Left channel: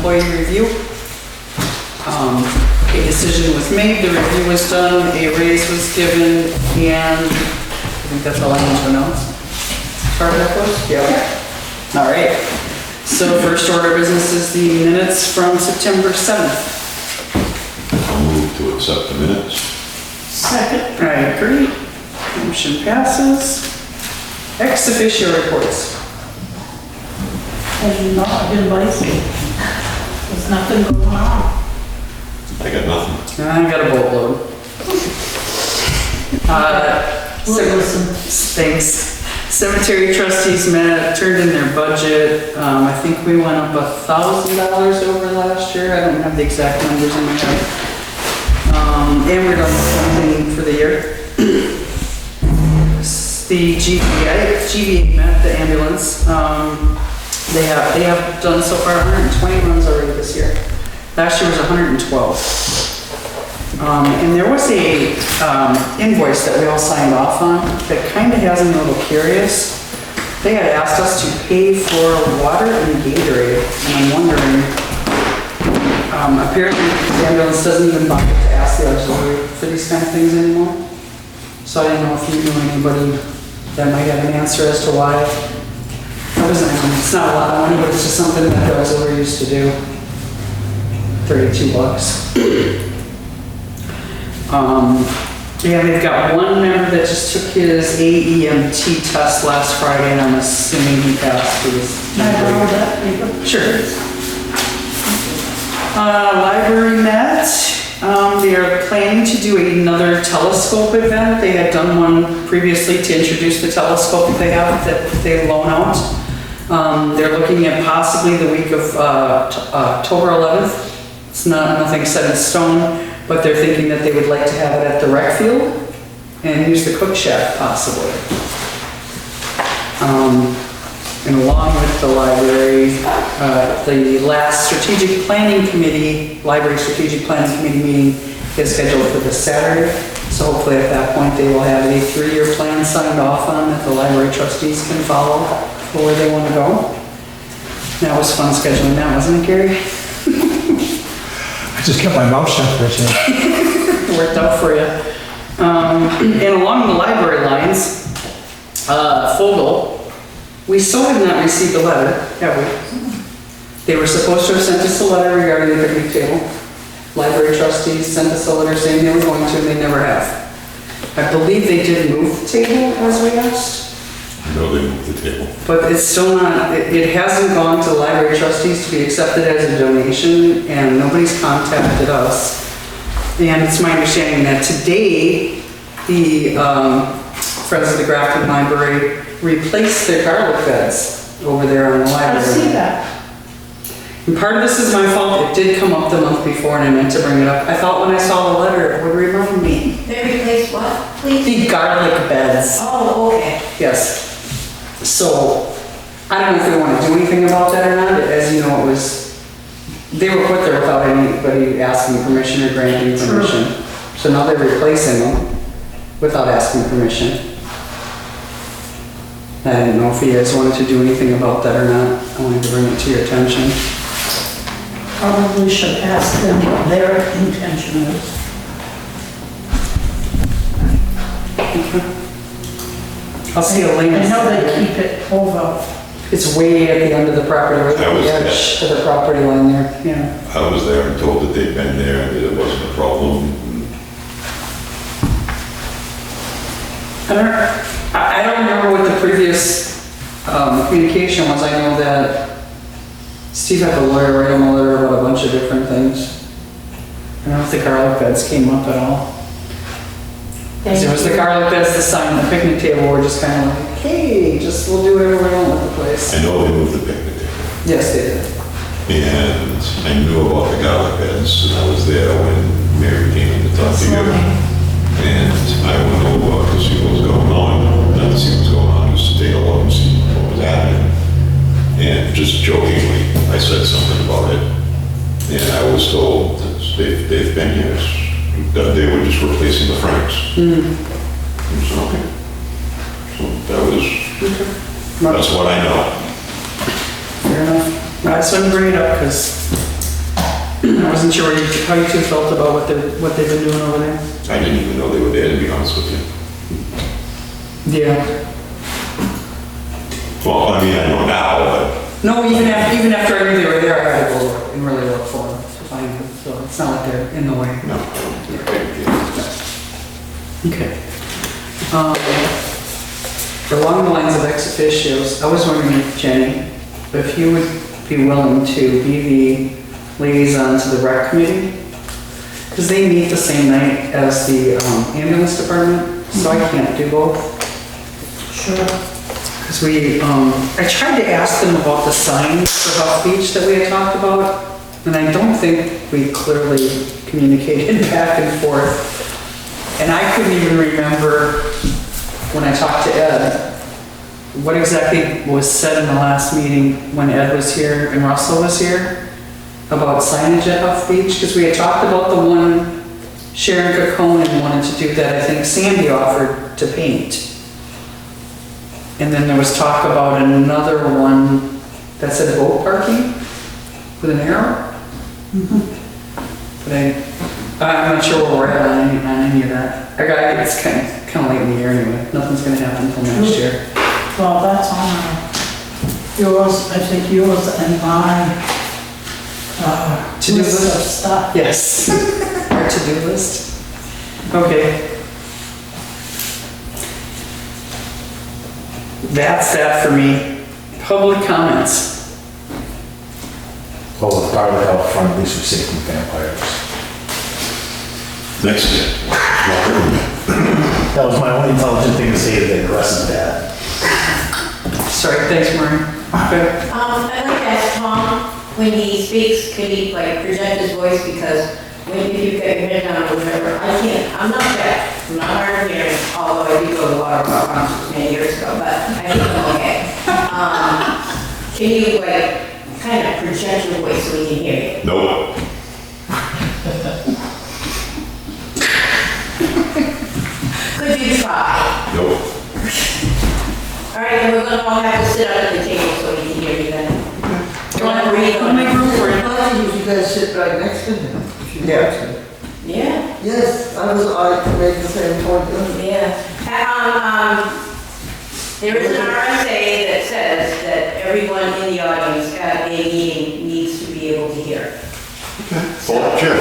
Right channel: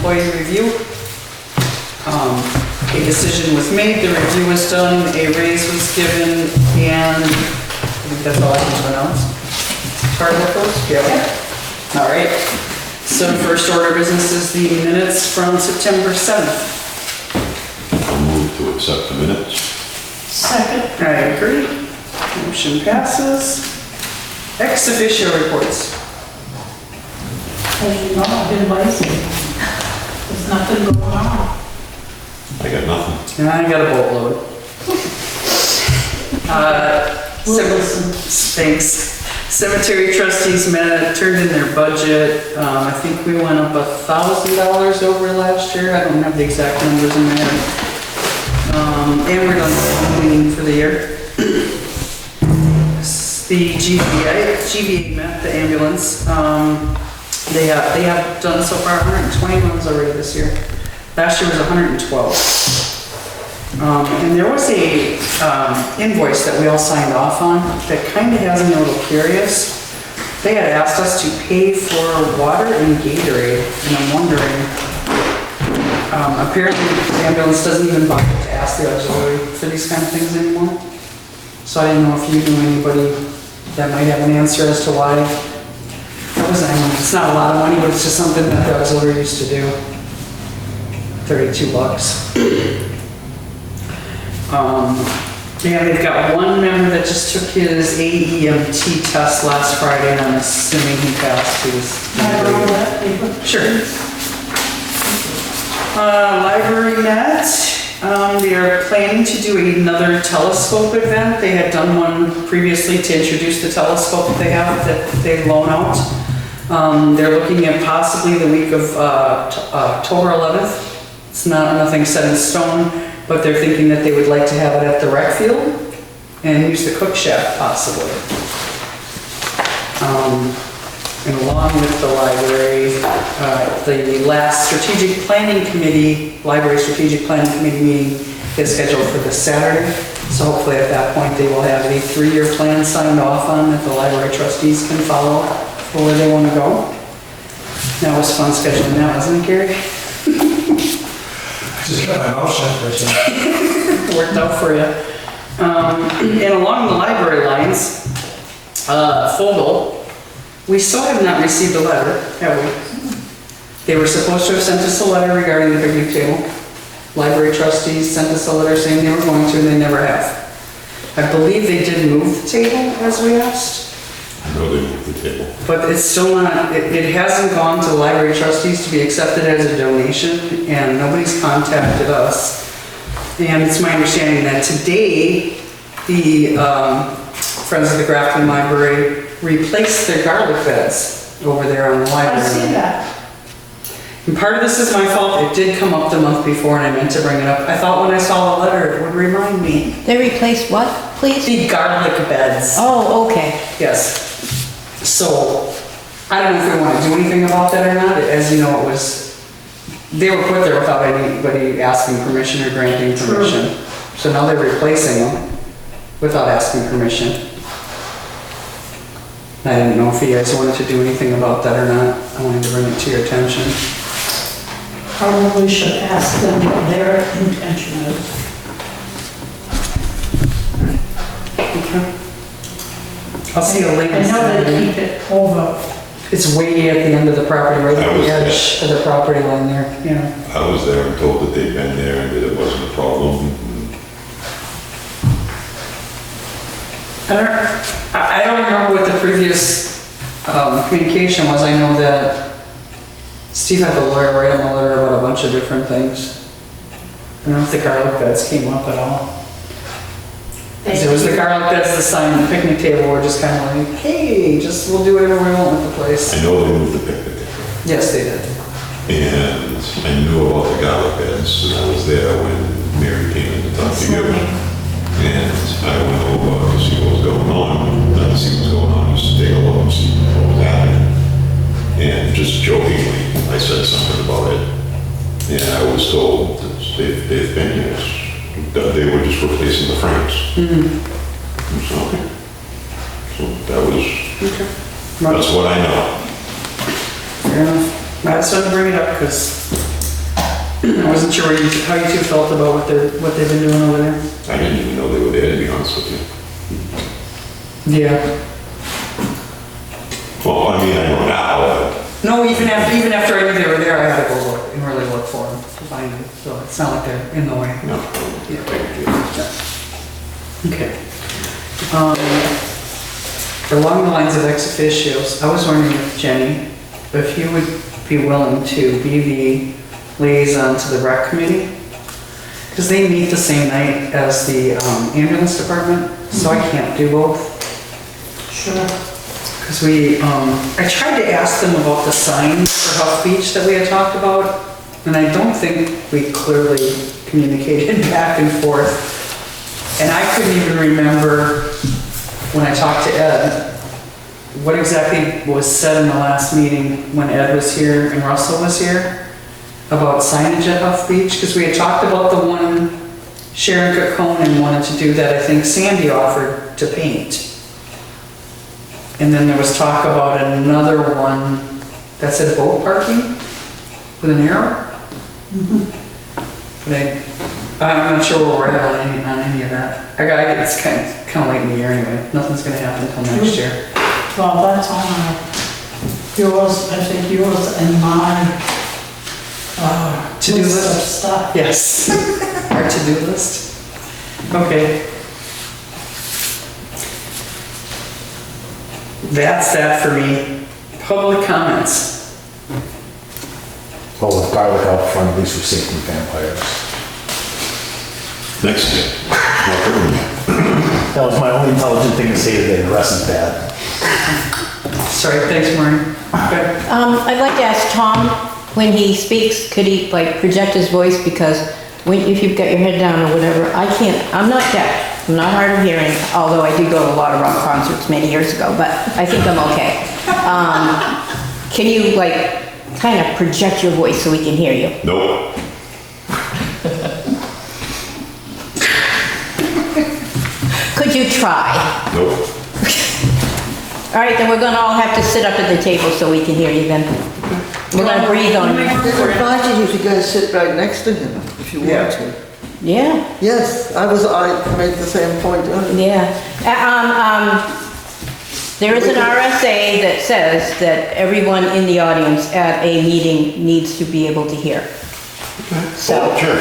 employee review. A decision was made, the review was done, a raise was given, and I think that's all I need to announce. As far as that goes? Yeah. All right. So first order of business is the minutes from September 7th. I'll move to accept the minutes. Second. I agree. Motion passes. Ex officio reports. Have you not been lazy? There's nothing going on. I got nothing. I got a boatload. Thanks. Cemetery trustees met, turned in their budget. I think we went up $1,000 over last year. I don't have the exact numbers in my head. And we're done cleaning for the year. The GVA met, the ambulance. They have done so far 120 runs already this year. Last year was 112. And there was a invoice that we all signed off on that kind of has me a little curious. They had asked us to pay for water and Gatorade, and I'm wondering, apparently the ambulance doesn't even bother to ask the auxiliary for these kind of things anymore. So I didn't know if you knew anybody that might have an answer as to why. It's not a lot of money, but it's just something that the auxiliary used to do. $32. Yeah, they've got one member that just took his AEMT test last Friday, and I'm assuming he passed. Can I borrow that paper? Sure. Library met. They are planning to do another telescope event. They had done one previously to introduce the telescope that they have that they loan out. They're looking at possibly the week of October 11th. It's nothing set in stone, but they're thinking that they would like to have it at the rec field and use the cook shack possibly. And along with the library, the last strategic planning committee, library strategic planning committee meeting is scheduled for this Saturday. So hopefully at that point they will have a 3-year plan signed off on that the library trustees can follow for where they want to go. That was fun scheduling that, wasn't it, Gary? I just kept my mouth shut for a second. It worked out for you. And along the library lines, Fogel, we still have not received a letter, have we? They were supposed to have sent us a letter regarding the picnic table. Library trustees sent us a letter saying they were going to, and they never have. I believe they did move the table as we asked. I know they moved the table. But it's still not, it hasn't gone to library trustees to be accepted as a donation, and nobody's contacted us. And it's my understanding that today, the Friends of the Grafton Library replaced their garlic beds over there on the library. I see that. And part of this is my fault. It did come up the month before, and I meant to bring it up. I thought when I saw the letter, it would remind me. They replaced what, please? The garlic beds. Oh, okay. Yes. So, I don't know if we want to do anything about that or not. As you know, they were put there without anybody asking permission or granting permission. True. So now they're replacing them without asking permission. I didn't know if you guys wanted to do anything about that or not. I wanted to bring it to your attention. Probably should ask them what their intention is. Okay. I'll see a link. I know they keep it over. It's way at the end of the property, right at the edge of the property line there. Yeah. I was there and told that they'd been there and that it wasn't a problem. I don't remember what the previous communication was. I know that Steve had the lawyer write him a letter about a bunch of different things. I don't know if the garlic beds came up at all. It was the garlic beds, the sign, and the picnic table were just kind of like, hey, we'll do whatever we want with the place. I know they moved the picnic table. Yes, they did. And I knew about the garlic beds, and I was there when Mary came in to talk to you. And I went over to see what was going on, not to see what was going on, just to take a look and see what was happening. And just jokingly, I said something about it. And I was told that they've been here. They were just replacing the frames. Mm-hmm. So, okay. So that was, that's what I know. Fair enough. I just wanted to bring it up because I wasn't sure how you two felt about what they've been doing over there. I didn't even know they were there, to be honest with you. Yeah. Well, I mean, I know now, No, even after I knew they were there, I had to go look and really look for them to find them. So it's not like they're in the way. but no. Okay. Along the lines of ex officios, I was wondering if Jenny, if you would be willing to be the liaison to the rec committee? Because they meet the same night as the ambulance department, so I can't do both. Sure. Because I tried to ask them about the signs for Huff Beach that we had talked about, and I don't think we clearly communicated back and forth. And I couldn't even remember when I talked to Ed, what exactly was said in the last meeting when Ed was here and Russell was here about signage at Huff Beach, because we had talked about the one Sharon Coconin wanted to do that I think Sandy offered to paint. And then there was talk about another one that said boat parking with an arrow. But I'm not sure where we're at on any of that. It's kind of late in the year anyway. Nothing's gonna happen until next year. Well, that's on yours, I think yours and my To-do list of list? stuff. Yes. Our to-do list. Okay. That's that for me. Public comments. Well, with garlic out front, at least we're safe from vampires. Next year. That was my only intelligent thing to say today, the rest is bad. Sorry, thanks, Maureen. Good. I'd like to ask Tom, when he speaks, could he like project his voice? Because if you've got your head down or whatever, I'm not deaf. I'm not hard of hearing, although I did go to a lot of rock concerts many years ago, but I think I'm okay. Can you like kind of project your voice so we can hear you? Nope. Could you try? Nope. All right, then we're gonna all have to sit up at the table so we can hear you then. We're gonna breathe I'll on make it. room for you. Imagine if you guys sit right next to him, if you want to. Yeah, Yes, I made the same point earlier. yeah. There is an RSA that says that everyone in the audience at a meeting needs to be able to hear. Oh, sure.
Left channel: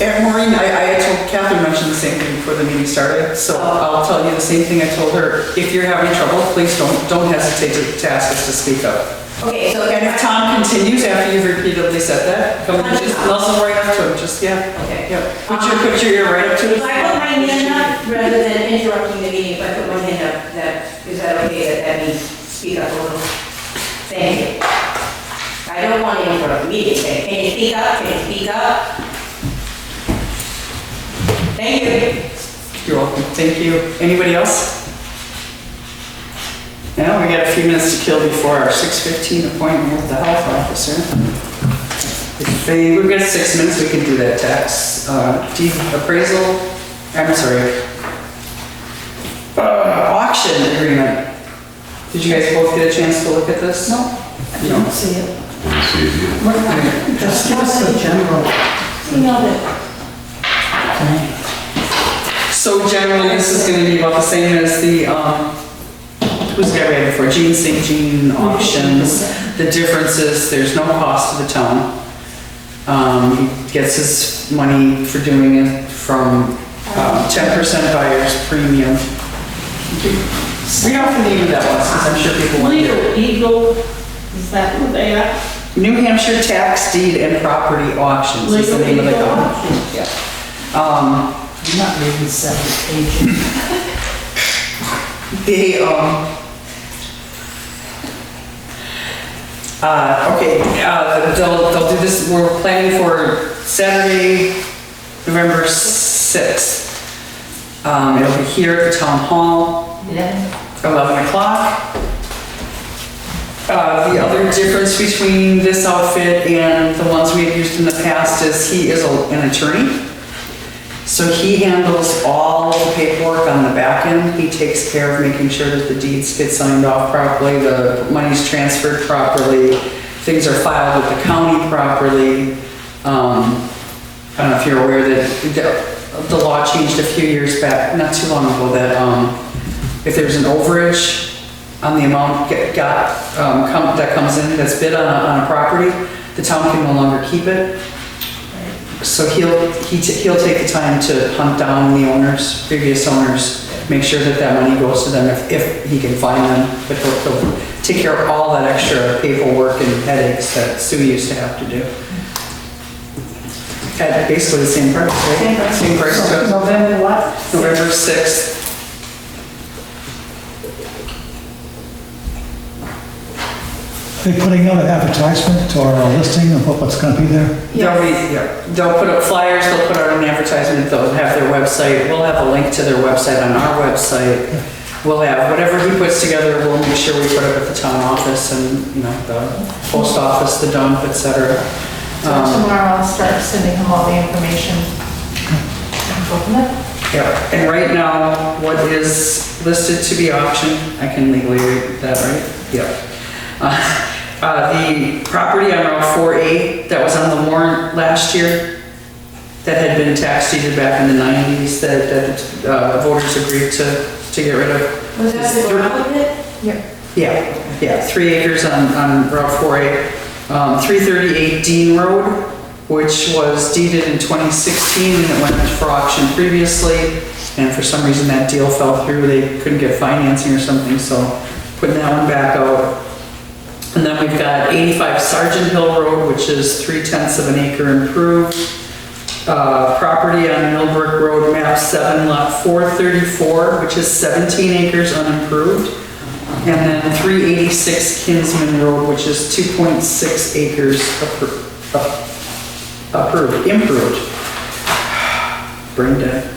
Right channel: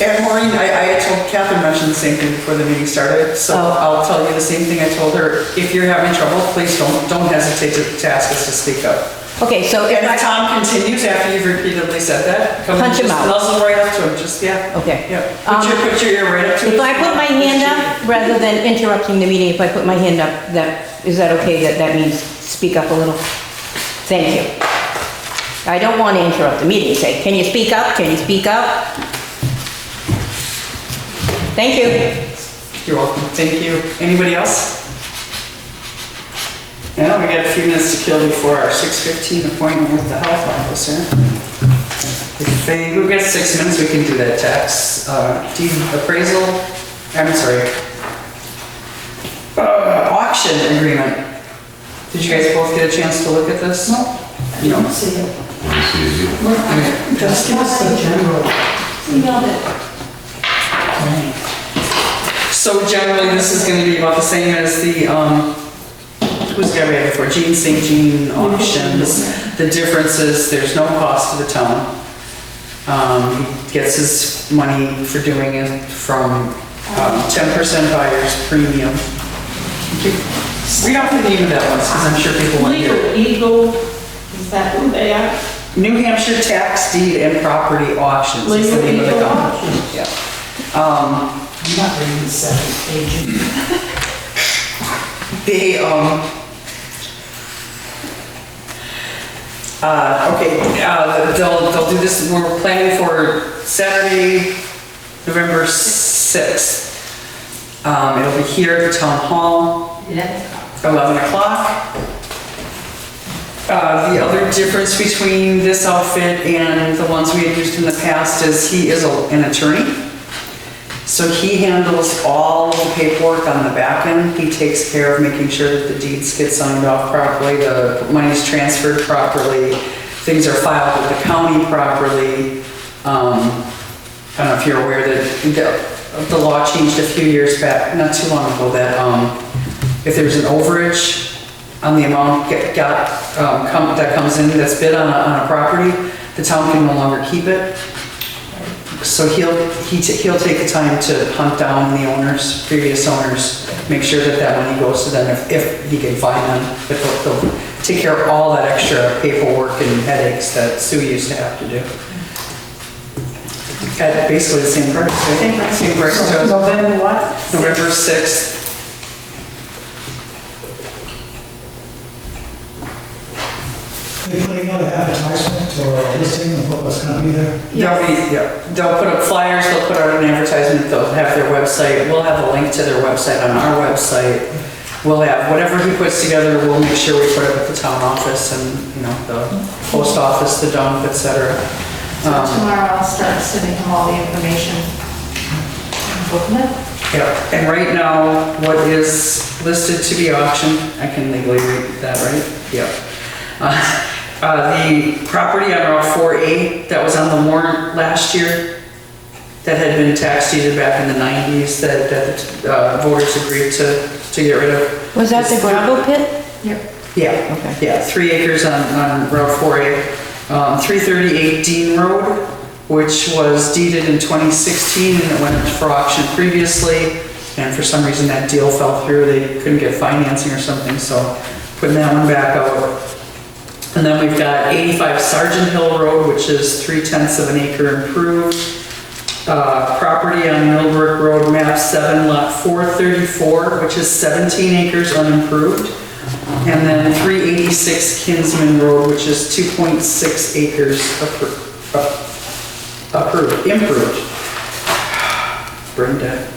And Maureen, I had told Catherine mentioned the same thing before the meeting started, so Oh. I'll tell you the same thing I told her. If you're having trouble, please don't hesitate to ask us to speak up. Okay, so And if Tom continues after you've repeatedly said that, come and Punch him just out. nuzzle right up to him, just, yeah. Okay. Yeah, put your ear right up to it. If I put my hand up, rather than interrupting the meeting, if I put my hand up, is that okay? That means speak up a little? Thank you. I don't want to interrupt the meeting. Say, can you speak up? Can you speak up? Thank you. You're welcome, thank you. Anybody else? Now, we got a few minutes to kill before our 6:15 appointment with the health officer. We've got 6 minutes, we can do that tax, deed appraisal, I'm sorry. Auction agreement. Did you guys both get a chance to look at this? No, I didn't see it. Let me see you. Just give us the general. Emailed it. So generally, this is gonna be about the same as the, who's got ready for Jean St. Jean auctions. The difference is there's no cost to the town. He gets his money for doing it from 10% buyer's premium. Read off the name of that one, because I'm sure people want to hear it. Legal Eagle, is that who they are? New Hampshire Tax Deed and Property Auctions is the name of the Legal company. Auctions. Yeah. I'm not reading 7 pages. They, they'll do this, we're planning for Saturday, November 6th. It'll be here at the town hall, 11 o'clock. The other difference between this outfit and the ones we had used in the past is he is an attorney. So he handles all the paperwork on the back end. He takes care of making sure that the deeds get signed off properly, the money's transferred properly, things are filed with the county properly. I don't know if you're aware that the law changed a few years back, not too long ago, that if there's an overage on the amount that comes in, that's bid on a property, the town can no longer keep it. So he'll take the time to hunt down the owners, previous owners, make sure that money goes to them if he can find them. But he'll take care of all that extra paperwork and headaches that Sue used to have to do. At basically the same price, right? Same price to November what? November 6th. Are you putting out an advertisement or a listing of what's going to be there? They'll put up flyers, they'll put out an advertisement, they'll have their website, we'll have a link to their website on our website. We'll have whatever he puts together, we'll make sure we put it at the town office and, the post office, the dump, etc. So tomorrow I'll start sending him all the information. And go from there. Yeah, and right now, what is listed to be auctioned, I can legally read that, right? Yep. The property on Route 4A that was on the warrant last year, that had been tax deeded back in the 90s, that the voters agreed to get rid of. Was that the gravel pit? Yep. Yeah, 3 acres on Route 4A. 338 Dean Road, which was deeded in 2016 and it went for auction previously. And for some reason that deal fell through. They couldn't get financing or something, so putting that one back out. And then we've got 85 Sergeant Hill Road, which is 3/10 of an acre improved. Property on Millbrook Road, map 7, lot 434, which is 17 acres unimproved. And then 386 Kinsman Road, which is 2.6 acres improved. Brain dead.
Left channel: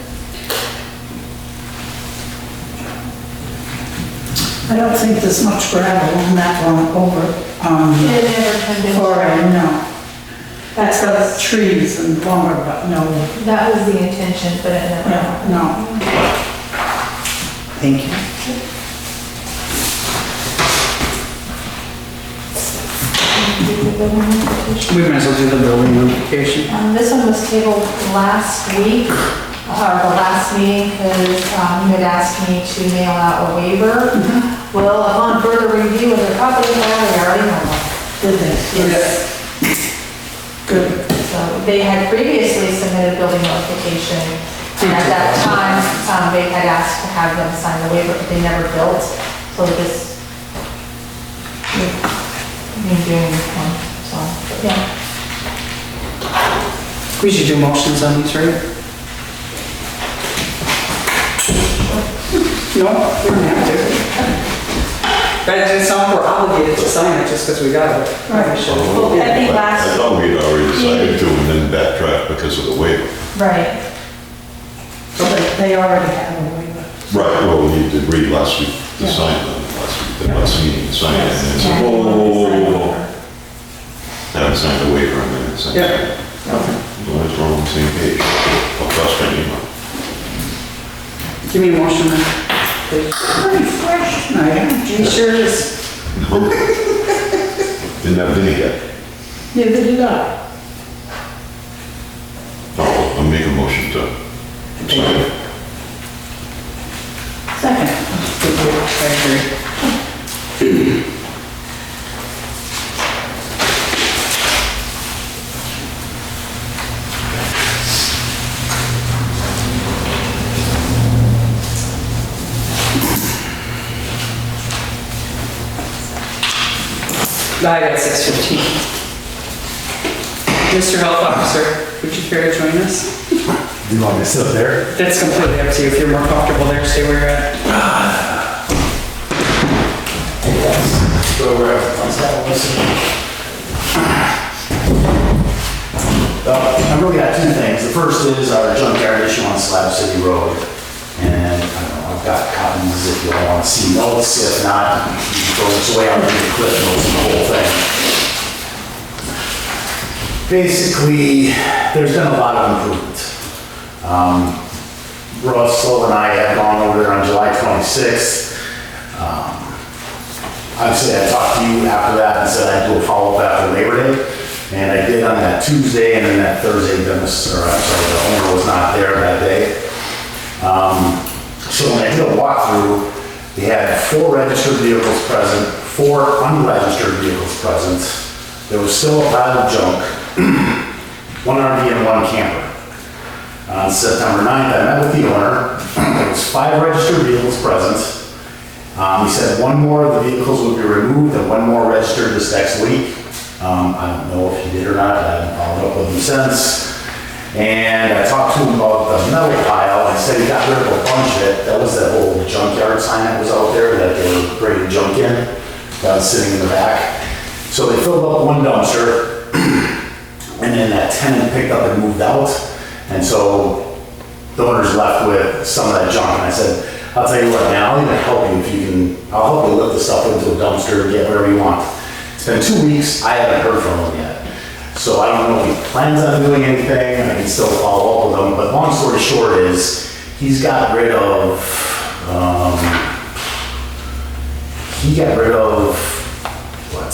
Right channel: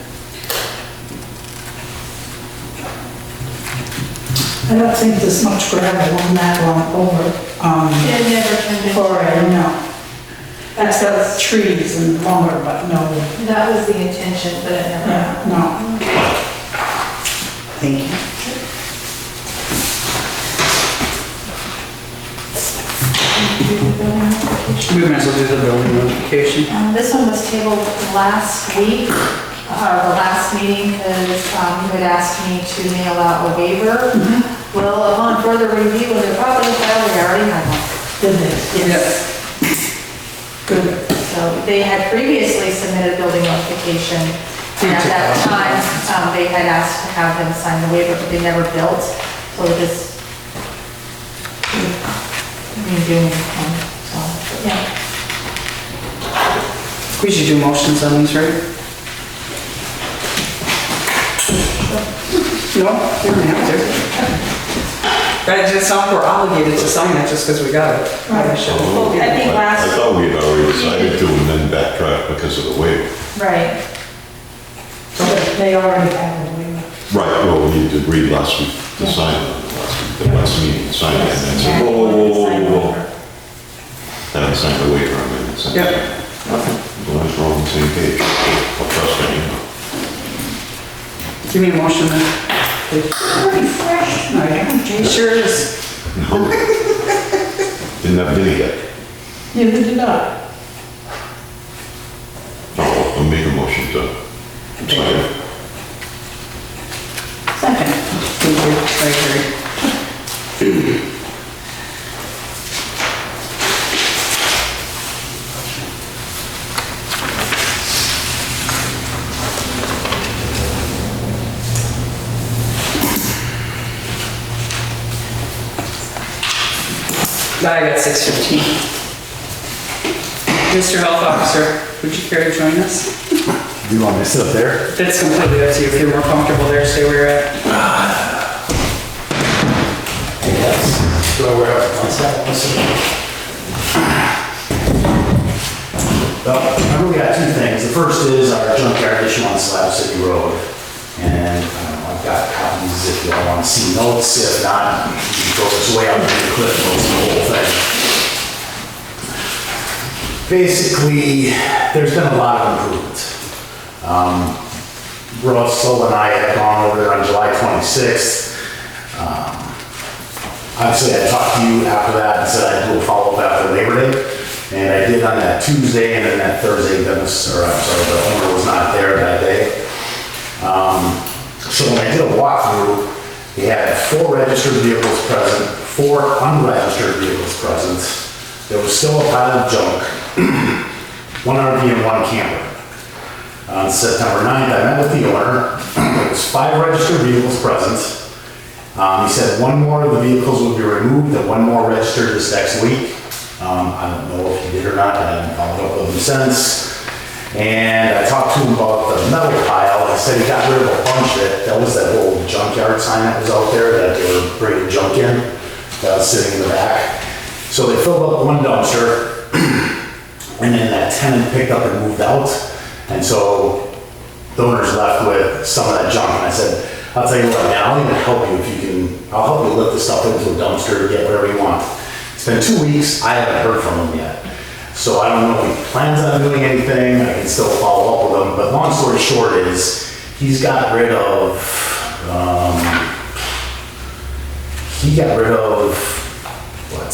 I don't think there's much gravel on that one over, It never turned into. for, no. That's got trees and lumber, but no, That was the intention, but it never. no. Thank you. We might as well do the building notification. This one was tabled last week, or the last meeting, because you had asked me to mail out a waiver. Well, upon further review of the property file, we already have one. Did they? Yes. Good. So they had previously submitted building notification, and at that time, they had asked to have them sign the waiver, but they never built, so this, doing one, so, yeah. We should do motions on these, right? No, we don't have to. It's not we're obligated to sign it just because we got it. Right. I think I last, thought we had already decided to and then backtrack because of the waiver. right, But they already have a waiver. Right, well, we did read last week, to sign it on the last meeting, sign it, and then said, Yeah. whoa. Haven't signed the waiver, I mean, it's. Yeah. As long as we're on the same page, I'll trust anyone. Give me a motion then, please. Pretty fresh. Oh, yeah. It sure is. No. Didn't have any yet. Neither did I. I'll make a motion to sign it. Second. Thank you, I agree. I got 6:15. Mr. Health Officer, would you care to join us? Do you want me to sit up there? It's completely up to you. If you're more comfortable there, stay where you're at. Go wherever. I really got 2 things. The first is our junkyard issue on Slab City Road. And I've got copies if you all want to see notes. If not, you can throw this way out to the cliff notes and the whole thing. Basically, there's been a lot of improvement. Russell and I have gone over there on July 26th. obviously I talked to you after that and said I'd do a follow-up after Labor Day. And I did on that Tuesday, and then that Thursday, the owner was not there that day. So when I did a walkthrough, we had 4 registered vehicles present, 4 unregistered vehicles present. There was still a pile of junk, 1 RV and 1 camper. On September 9th, I met with the owner. There was 5 registered vehicles present. He said 1 more of the vehicles would be removed and 1 more registered this next week. I don't know if he did or not, but I haven't followed up with him since. And I talked to him about the metal pile. He said he got rid of a bunch of it. That was that old junkyard sign that was out there that they were bringing junk in. That was sitting in the back. So they filled up 1 dumpster, and then that tenant picked up and moved out. And so the owner's left with some of that junk. And I said, I'll tell you what, man, I'll even help you if you can. I'll help you lift the stuff into a dumpster, get whatever you want. It's been 2 weeks, I haven't heard from him yet. So I don't know if he plans on doing anything, I can still follow up with him, but long story short is, he got rid of, what,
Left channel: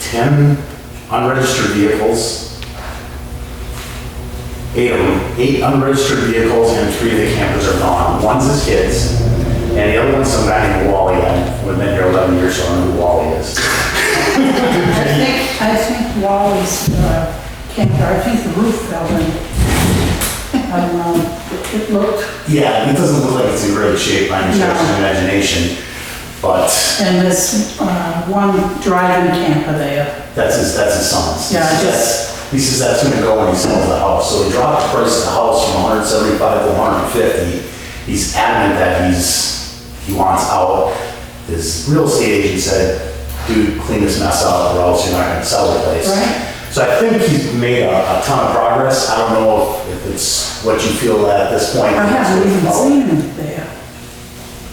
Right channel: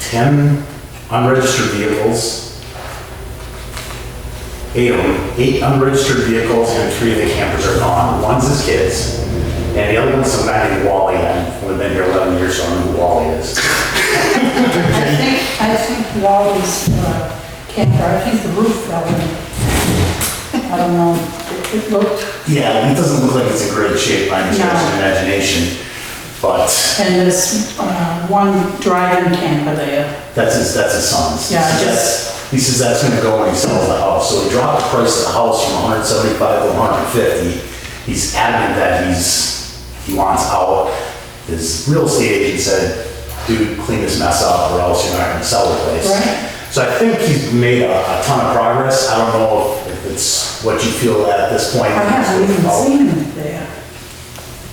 10 unregistered vehicles, 8 unregistered vehicles, and 3 of the campers are gone. One's his kids, and the other one's some guy named Wally. I've been here 11 years, so I know who Wally is. I think Wally's camper, I think the roof fell in. I don't know, it looked, Yeah, it doesn't look like it's in great shape by any stretch of the imagination, but and there's one driving camper there. that's his son's. Yeah, He says that's gonna go when he sells the house. So he dropped the price of the house from 175 to 150. He's adamant that he wants out. His real estate agent said, dude, clean this mess up or else you're not gonna sell the place. Right. So I think he's made a ton of progress. I don't know if it's what you feel at this point. I haven't even seen him there.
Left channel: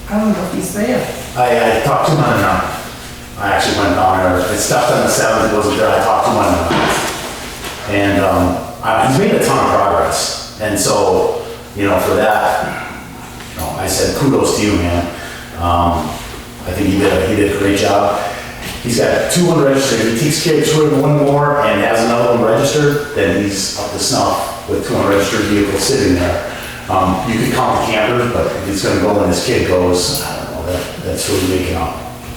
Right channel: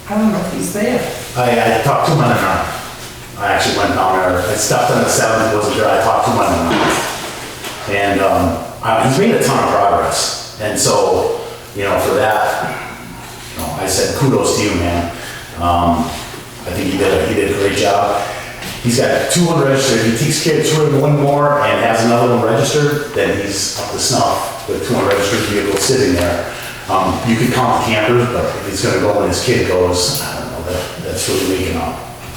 I don't know if he's there. I talked to him on the 9th. I actually went down there. I stopped on the 7th, wasn't there. I talked to him on the 9th. And he's made a ton of progress. And so, for that, I said kudos to you, man. I think he did a great job. He's got 2 unregistered. He takes care of 1 more and has another one registered, then he's up to snuff with 2 unregistered vehicles sitting there. You could count the campers, but if he's gonna go when his kid goes, I don't know, that's really making a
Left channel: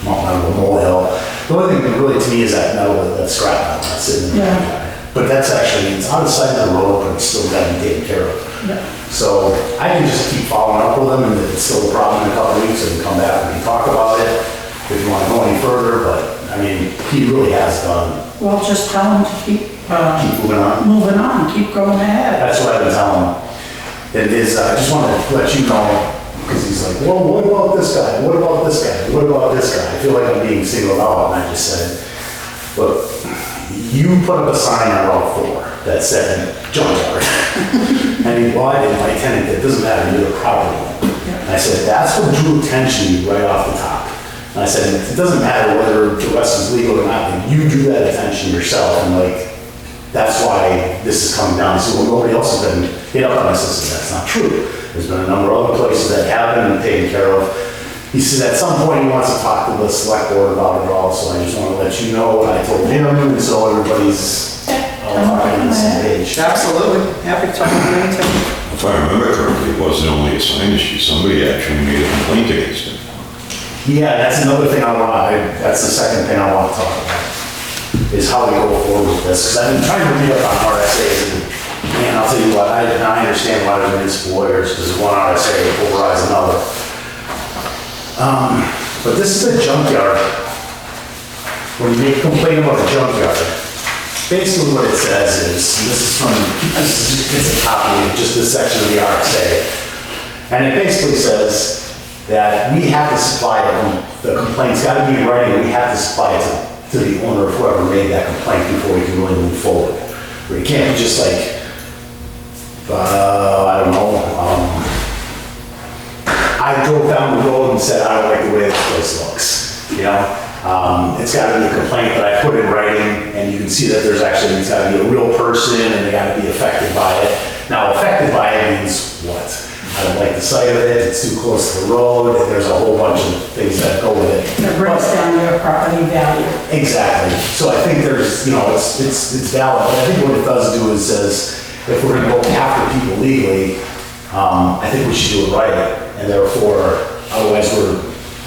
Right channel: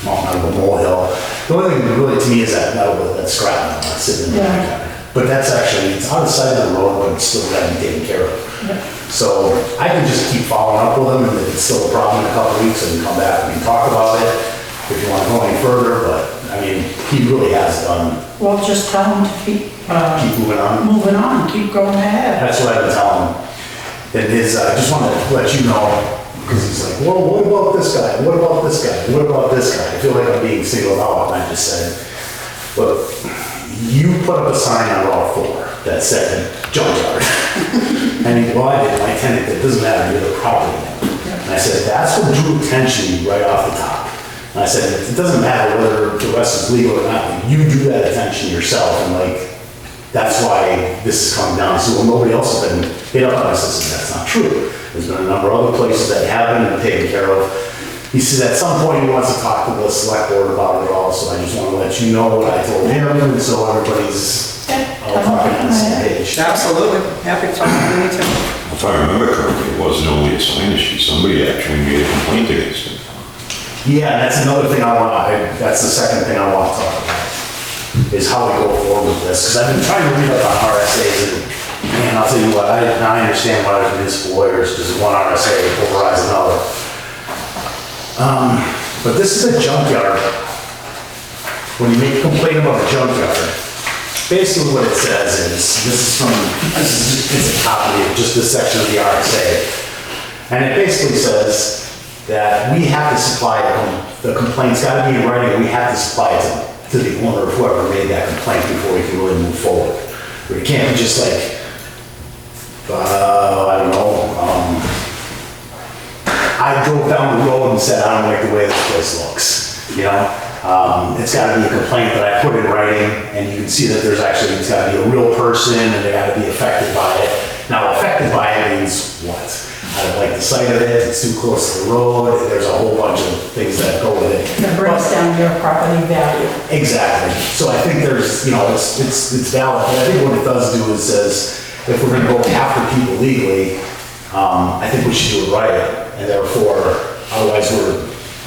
mountain out of a molehill. The only thing really to me is that metal, that scrap metal that's sitting in the back. But that's actually, it's on the side of the road, but it's still gotta be taken care of. So I can just keep following up with him, and if it's still a problem in a couple of weeks, I can come back and talk about it if you want to go any further, but I mean, he really has done. Well, just tell him to keep Moving on. keep going ahead. That's what I've been telling him. And I just wanted to let you know, because he's like, well, what about this guy? What about this guy? What about this guy? I feel like I'm being singled out, and I just said, look, you put up a sign on Route 4 that said Junkyard. Well, I did, my tenant, it doesn't matter, you're the property owner. And I said, that's what drew attention to you right off the top. And I said, it doesn't matter whether the rest is legal or not, like, you drew that attention yourself, and like, that's why this is coming down. He said, well, nobody else has been hit up on this. I said, that's not true. There's been a number of other places that have been taken care of. He says at some point he wants to talk to the select board about it all, so I just want to let you know what I told him, and so everybody's all talking on the same page. Absolutely, happy to talk to you anytime. If I remember correctly, it wasn't only a sign issue, somebody actually made a complaint against him. Yeah, that's another thing that's the second thing I want to talk about, is how we go forward with this. Because I've been trying to read up on RSAs, and man, I'll tell you what, I understand why there's municipal lawyers, because one RSA overrides another. But this is a junkyard. When you make a complaint about a junkyard, basically what it says is, it's a copy of just this section of the RSA. And it basically says that we have to supply the complaint's got to be in writing, and we have to supply it to the owner of whoever made that complaint before we can really move forward. Where you can't be just like, I don't know, I drove down the road and said, I don't like the way this place looks, It's got to be a complaint that I put in writing, and you can see that it's got to be a real person, and they got to be affected by it. Now, affected by it means what? I don't like the sight of it, it's too close to the road, there's a whole bunch of things that go with it. It breaks down your property value. Exactly. So I think there's, it's valid, but I think what it does do is says, if we're gonna go after people legally, I think we should do it right, and therefore, otherwise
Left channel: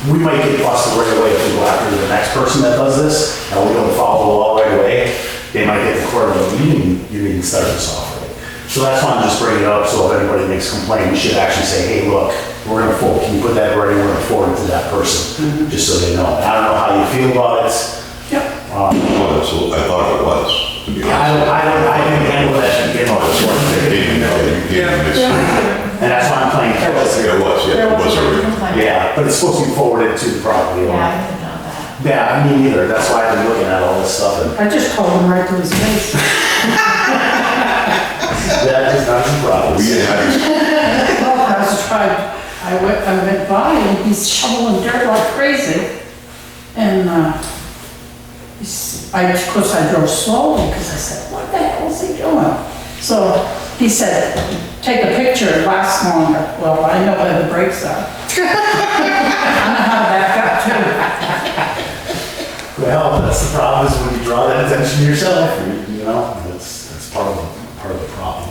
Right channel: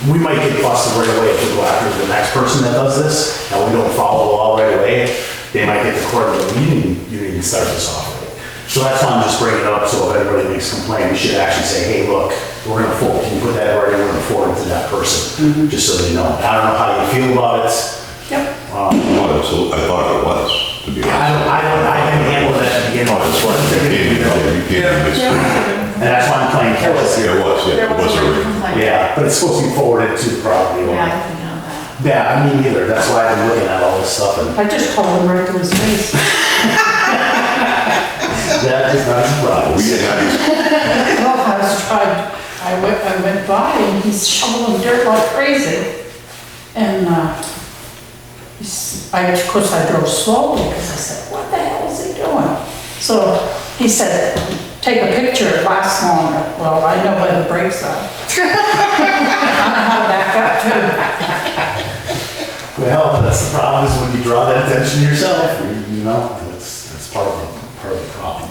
we might get busted right away if we go after the next person that does this, and we don't follow the law right away, they might get the court of the you didn't start this off right. So that's why I'm just bringing it up, so if anybody makes a complaint, we should actually say, hey, look, we're gonna forward, can you put that writing, we're gonna forward it to that person, just so they know. I don't know how you feel about it. Yep. No, absolutely, I thought it was, to be honest. I didn't handle that to begin with. That's right, you can't miss it. And that's why I'm playing careless here. It was, yeah, it was already. Yeah, but it's supposed to be forwarded to the property Yeah, owner. I didn't know that. Yeah, me neither, that's why I've been looking at all this stuff and I just told him right to his face. that is not a problem. We didn't have these, Well, I went by and he's shoveling dirt like crazy. And, of course I drove slowly because I said, what the hell is he doing? So he said, take a picture, it lasts longer. Well, I know where the brakes are. I know how to back up too. Well, that's the problem, is when you draw that attention to yourself, that's part of the problem.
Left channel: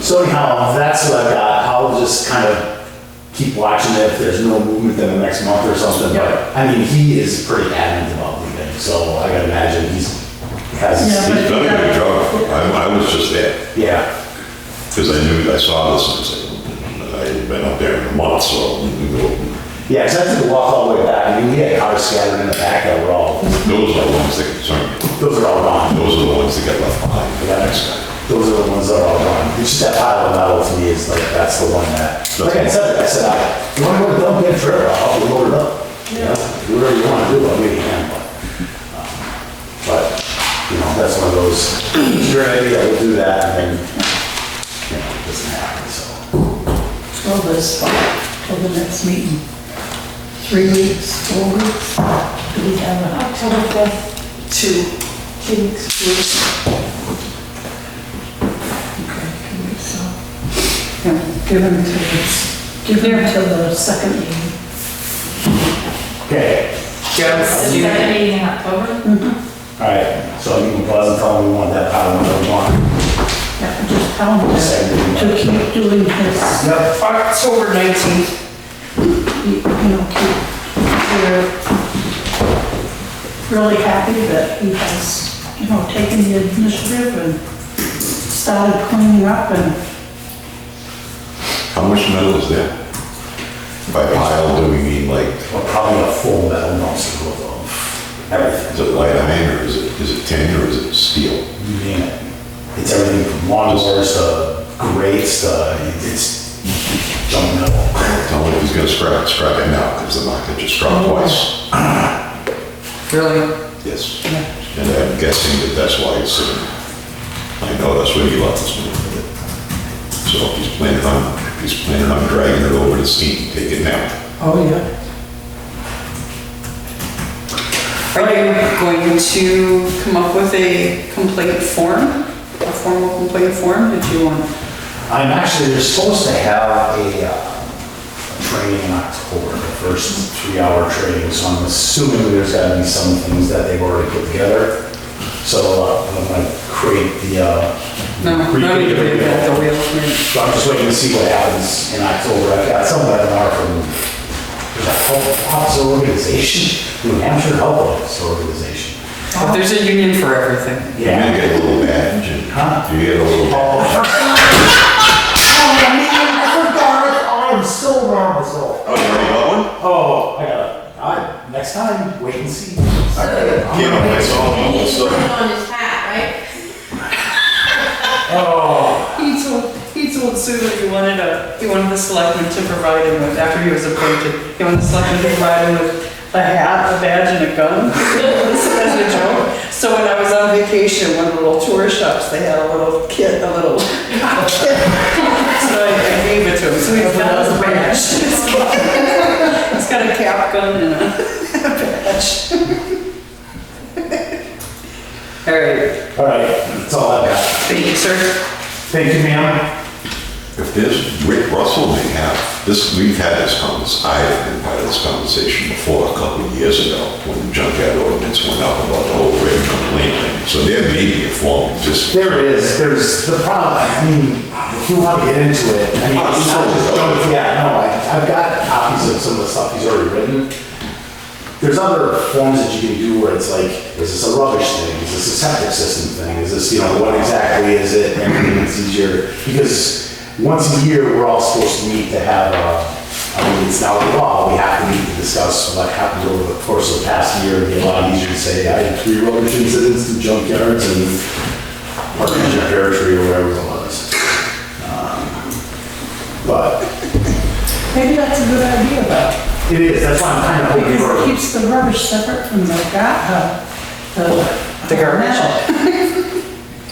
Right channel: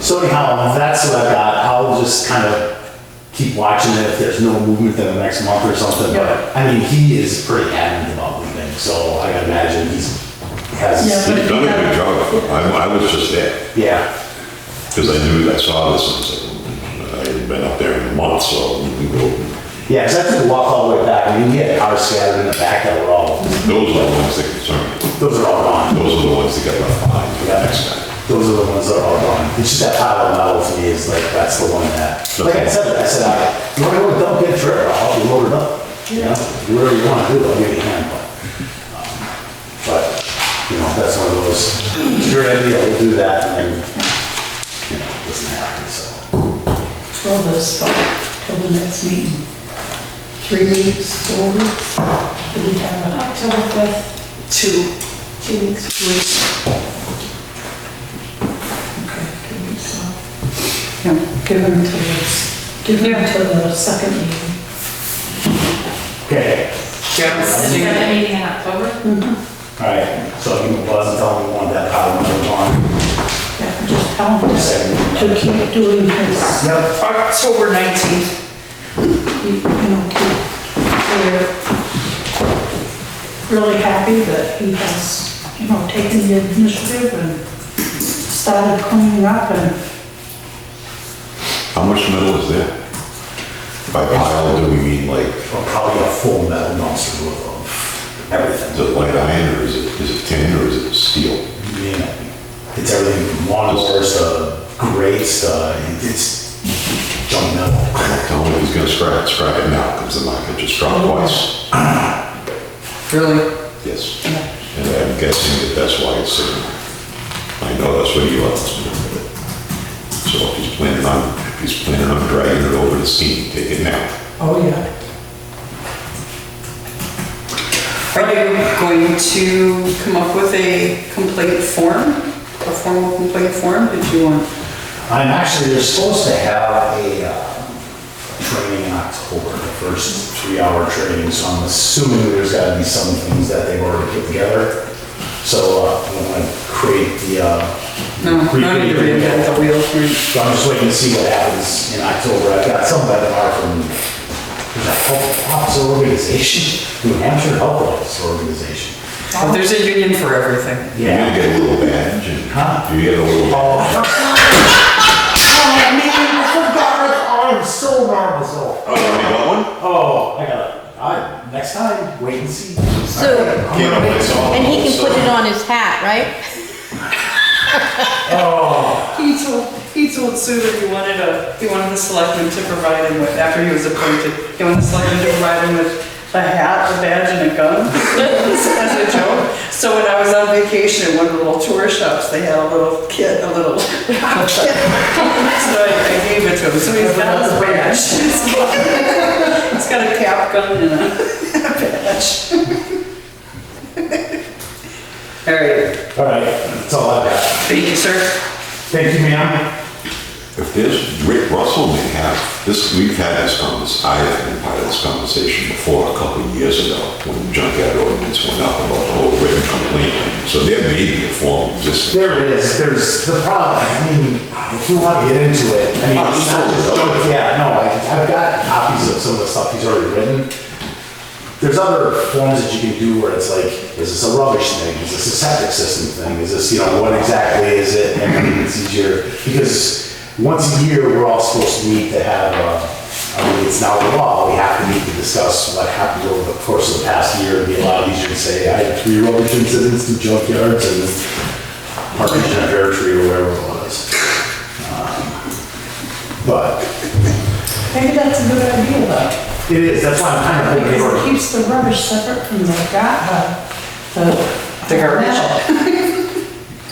So anyhow, that's what I got. I'll just kind of keep watching it if there's no movement in the next month or something. But I mean, he is pretty adamant about leaving, so I gotta imagine he has. Yeah. he's done a good job. I was just there, Yeah, because I saw this, and I was like, I hadn't been up there in a month, so we can go. yeah, because I took a walk all the way back. I mean, we had cars scattered in the back that were all, Those are the ones that concern me. those are all gone. Those are the ones that get left behind for the next guy. Those are the ones that are all gone. It's just that pile of metal to me is like, that's the one that, like I said, you wanna go dump in a trailer, I'll help you load it up. You know, do whatever you wanna do, I'll give you a hand, but, that's one of those, it's a great idea, we'll do that, and then, it doesn't happen, so. Till this, till the next meeting. 3 weeks, 4 weeks. Do we have an October 5th, 2 weeks. Yeah, give him to the second meeting. Okay, Second meeting in October? all right, so I'll give him a buzz and tell him we want that pile of metal gone. Yeah, just tell him to keep doing his, Yep. October 19th. we're really happy that he has, taken the initiative and started cleaning up and How much metal is there? By pile, do we mean like, Well, probably a full metal dumpster worth of everything. is it light iron, or is it tin, or is it steel? You name it. It's everything from lawnmowers to grates to, it's junk metal. Tell him if he's gonna scrap it now, because the market just dropped twice. Really? Yes. And I'm guessing that's why it's sitting. I know that's what he left us with it. So if he's planning on dragging it over to steam, take it now. oh yeah. Are you going to come up with a complaint form? A formal complaint form? Did you want? They're supposed to have a training in October, the first 3-hour training, so I'm assuming there's gotta be some things that they've already put together. So I'm gonna create the, No need to reinvent the wheel. So I'm just waiting to see what happens in October. I've got some webinar from, there's a health officer organization, New Hampshire Health Officer Organization. But there's a union for everything. You're gonna get a little badge, and you get a little badge. I'm so nervous. Oh, you already got one? Oh, I got it. Next time, wait and see. Can't open it all. And he can put it on his hat, right? Oh, He told Sue that he wanted the selectmen to provide him with, after he was appointed, he wanted the selectmen to provide him with a hat, a badge, and a gun, as a joke. So when I was on vacation at one of the little tour shops, they had a little kit, a little cop kit. So I gave it to him, so he's got his badge. He's got a cap gun and a badge. All right, all right, that's all I've got. thank you, sir. Thank you, ma'am. if there's, Rick Russell may have, this, we've had this conversation, I've been part of this conversation before a couple of years ago, when the junkyard ordinance went up about the whole written complaint thing. So there may be a form existing. There is, there's the problem, I mean, if you want to get into it, I mean, Oh, it's not just so- junk, yeah, no, I've got copies of some of the stuff he's already written. There's other forms that you can do where it's like, is this a rubbish thing? Is this a septic system thing? Is this, you know, what exactly is it? And I mean, it's easier, because once a year, we're all supposed to meet to have I mean, it's now the law, we have to meet to discuss what happened over the course of the past year. It'd be a lot easier to say, I had 3 rubbish incidents in junkyards and partridge in a pear tree or whatever it was. But Maybe that's a good idea, though. it is, that's why I'm kind of hoping Because it for. keeps the rubbish separate from the The garbage. metal.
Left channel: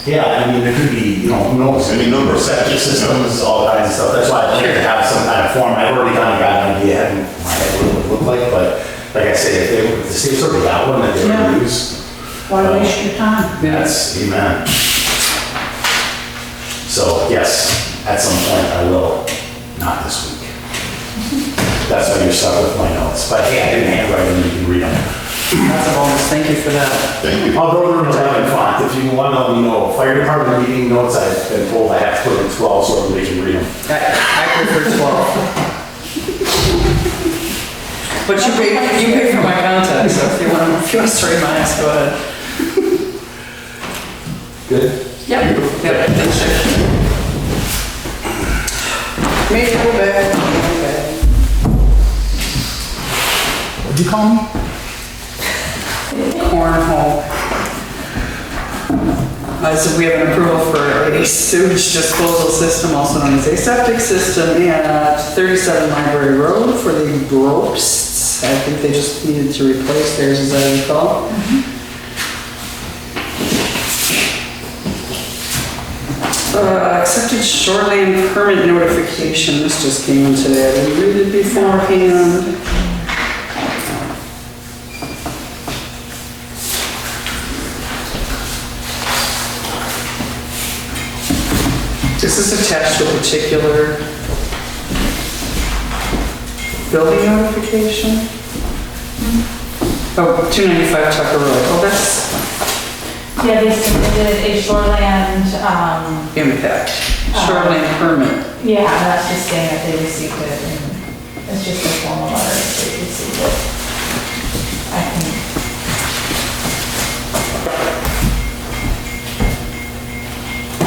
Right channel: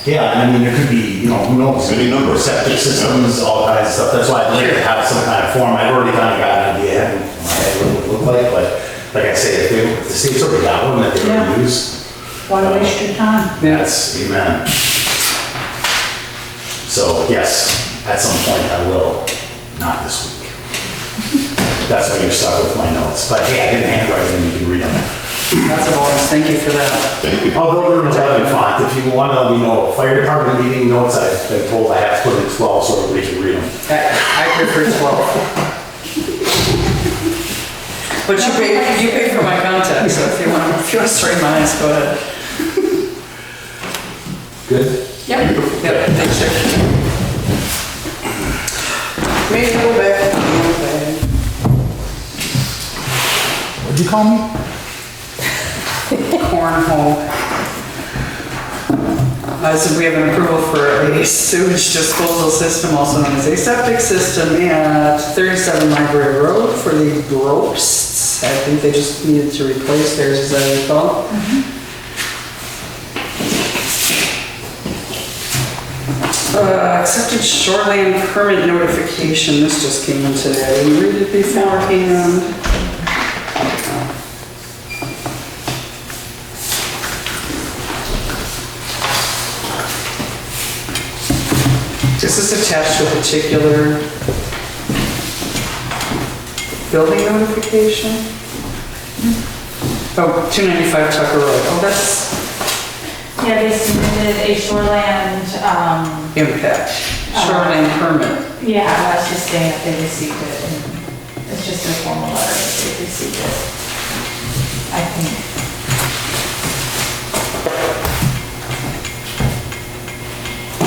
Yeah, I mean, there could be, you know, who knows? Any number of Septic things. systems, all kinds of stuff. That's why I'd like to have some kind of form. I've already kind of got an idea in my head what it would look like, but like I say, if the state's already got one that they Yeah. already use, Why waste your time? that's, amen. So, yes, at some point I will, not this week. That's why you're stuck with my notes. But hey, I didn't handwrite them, you can read them. That's a bonus, thank you for that. Thank you. Although they're in 11 font, if you want to let me know, fire department meeting notes, I've been told I have to put in 12 so everybody can read them. I prefer 12. But you pay for my contact, so if you want to straighten my eyes, go ahead. Good? Yep. Yep, thanks, Chick. Mail bag, mail bag. What'd you call me? Cornhole. So we have an approval for a sewage disposal system, also known as a septic system, at 37 Library Road for the Gropsts. I think they just needed to replace theirs, as I recall. Accepted shoreline permit notification. This just came in today. I didn't read it beforehand. This is attached to a particular building notification. Oh, 295 Tucker Road. Oh, that's Yeah, they submitted a shoreland, impact. Shoreline permit. yeah, that's just saying that they received it, and it's just a formal letter that they received it. I think.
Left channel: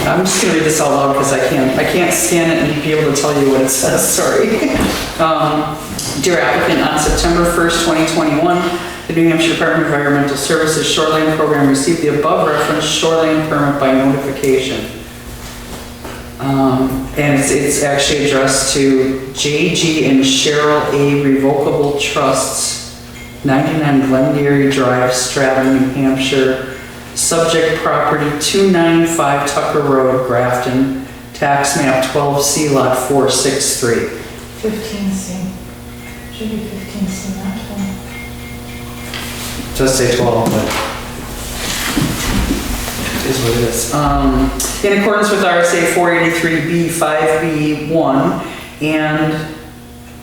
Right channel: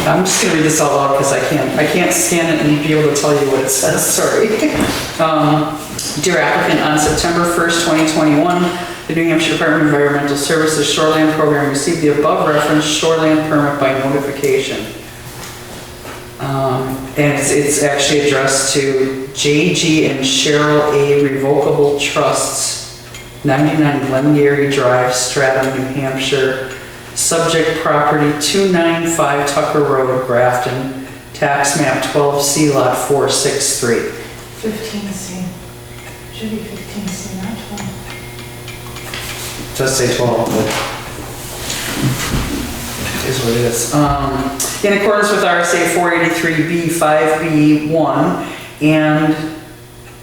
I'm just gonna read this out loud because I can't scan it and be able to tell you what it says, sorry. Dear applicant, on September 1st, 2021, the New Hampshire Department of Environmental Services Shoreline Program received the above referenced shoreline permit by notification. And it's actually addressed to J.G. and Cheryl A. Revocable Trusts, 99 Glengarry Drive, Stratham, New Hampshire. Subject property 295 Tucker Road, Grafton, tax map 12C, lot 463. 15C. Should be 15C, not 12. Just say 12, but it is what it is. In accordance with RSA 483B 5B1 and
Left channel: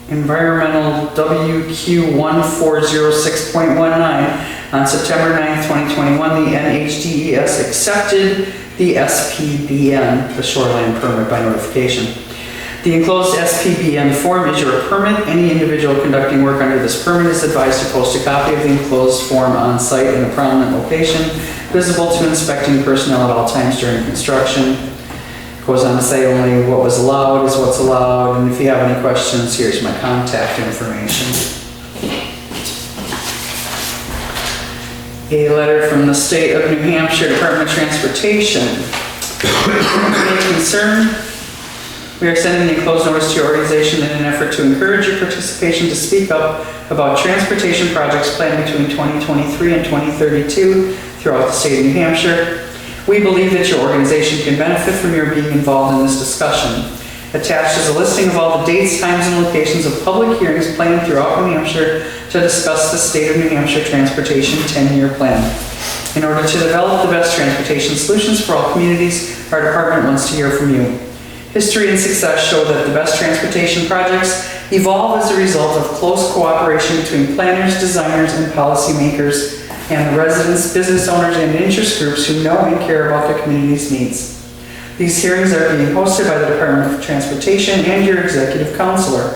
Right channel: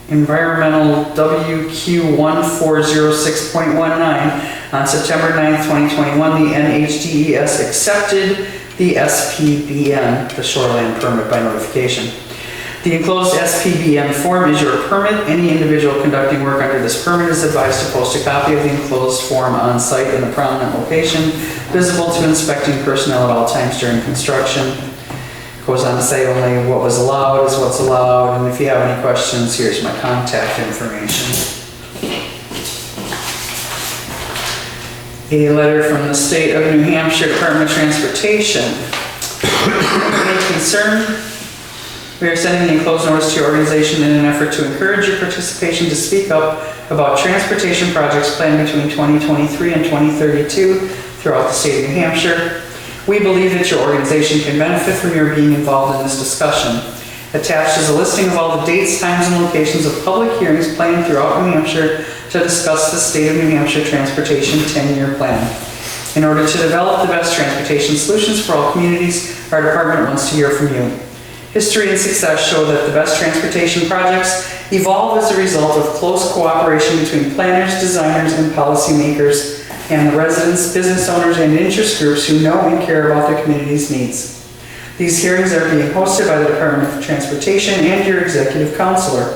environmental WQ 1406.19, on September 9th, 2021, the NHDES accepted the SPBN, the shoreline permit by notification. The enclosed SPBN form is your permit. Any individual conducting work under this permit is advised to post a copy of the enclosed form on site in a prominent location, visible to inspecting personnel at all times during construction. Goes on to say only what was allowed is what's allowed, and if you have any questions, here's my contact information. A letter from the State of New Hampshire Department of Transportation. Any concern? We are sending the enclosed notice to your organization in an effort to encourage your participation to speak up about transportation projects planned between 2023 and 2032 throughout the state of New Hampshire. We believe that your organization can benefit from your being involved in this discussion. Attached is a listing of all the dates, times, and locations of public hearings planned throughout New Hampshire to discuss the State of New Hampshire Transportation 10-year plan. In order to develop the best transportation solutions for all communities, our department wants to hear from you. History and success show that the best transportation projects evolve as a result of close cooperation between planners, designers, and policymakers, and the residents, business owners, and interest groups who know and care about their community's needs. These hearings are being hosted by the Department of Transportation and your executive counselor.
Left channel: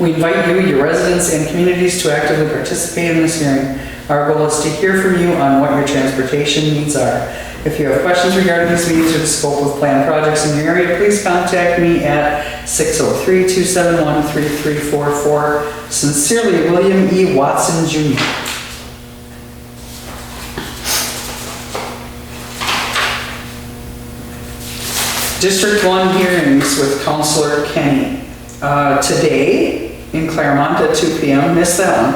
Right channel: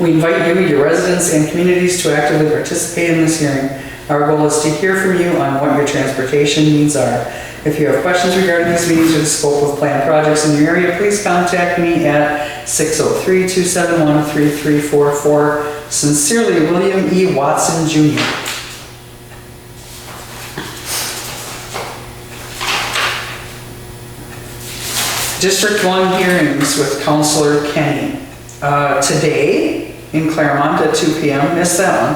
We invite you, your residents, and communities to actively participate in this hearing. Our goal is to hear from you on what your transportation needs are. If you have questions regarding these meetings or the scope of planned projects in your area, please contact me at 603-271-3344. Sincerely, William E. Watson, Jr. District 1 hearings with Councilor Kenny. Today in Claremont at 2 p.m., missed that one.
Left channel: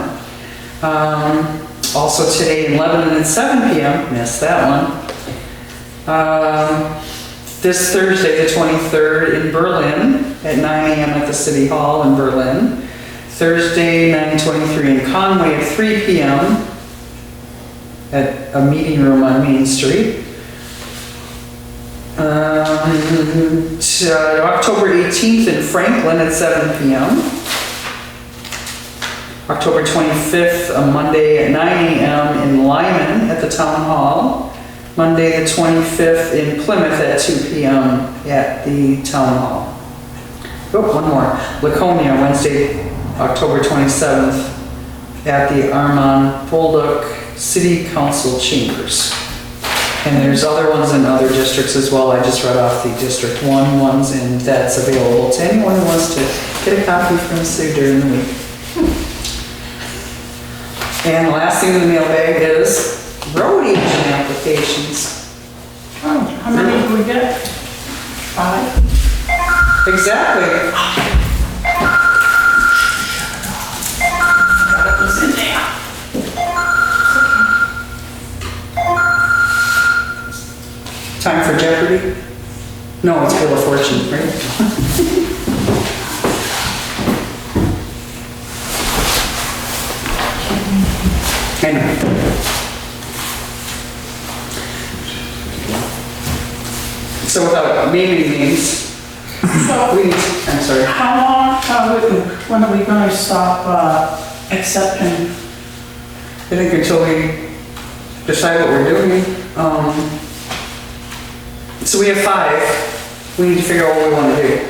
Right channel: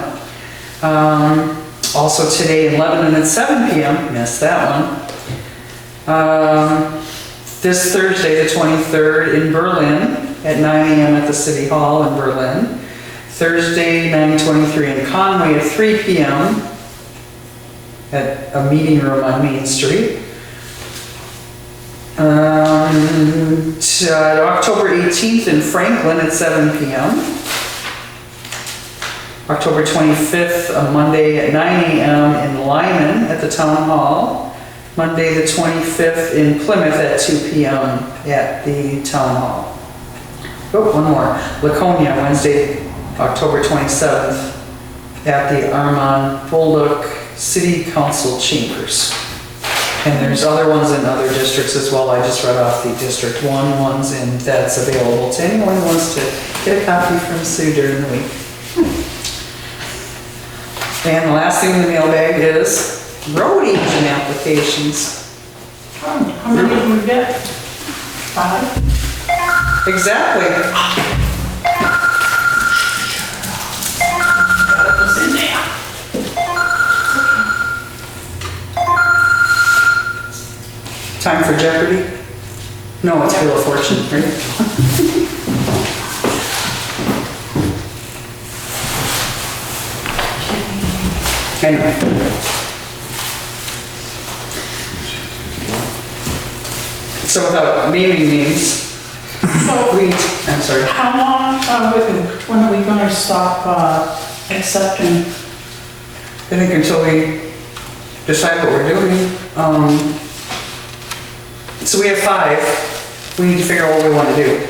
Also today in Lebanon at 7 p.m., missed that one. This Thursday, the 23rd, in Berlin at 9 a.m. at the City Hall in Berlin. Thursday, 9/23 in Conway at 3 p.m. at a meeting room on Main Street. October 18th in Franklin at 7 p.m. October 25th, a Monday at 9 a.m. in Lyman at the Town Hall. Monday the 25th in Plymouth at 2 p.m. at the Town Hall. Oh, one more. Laconia, Wednesday, October 27th at the Armand Bolduc City Council Chambers. And there's other ones in other districts as well. I just read off the District 1 ones, and that's available to anyone who wants to get a copy from Sue during the week. And the last thing in the mailbag is road agent applications. How many did we get? 5? Exactly. That was in there. Time for Jeopardy? No, it's Wheel of Fortune, right? Anyway. So without naming names, I'm sorry. How long, when are we gonna stop accepting? I think until we decide what we're doing. So we have 5. We need to figure out what we want to do.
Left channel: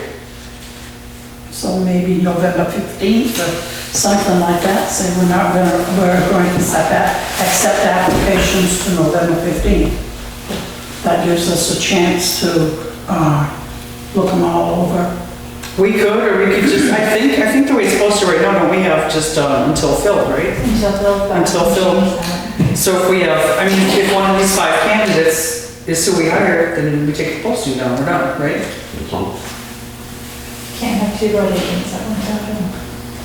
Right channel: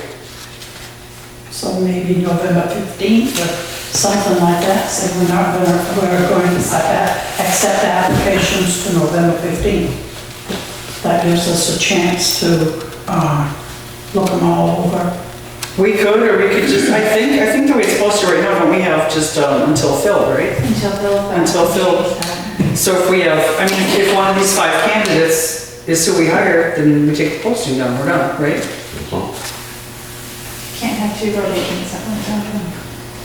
So maybe November 15th or something like that, say we're going to accept applications to November 15th. That gives us a chance to look them all over. We could, or we could just, I think the way it's supposed to right now, don't we have just until filled, right? Until filled. So if we have, I mean, if one of these 5 candidates is who we hire, then we take the posting down, we're done, right? Can't have 2 road agents at one time.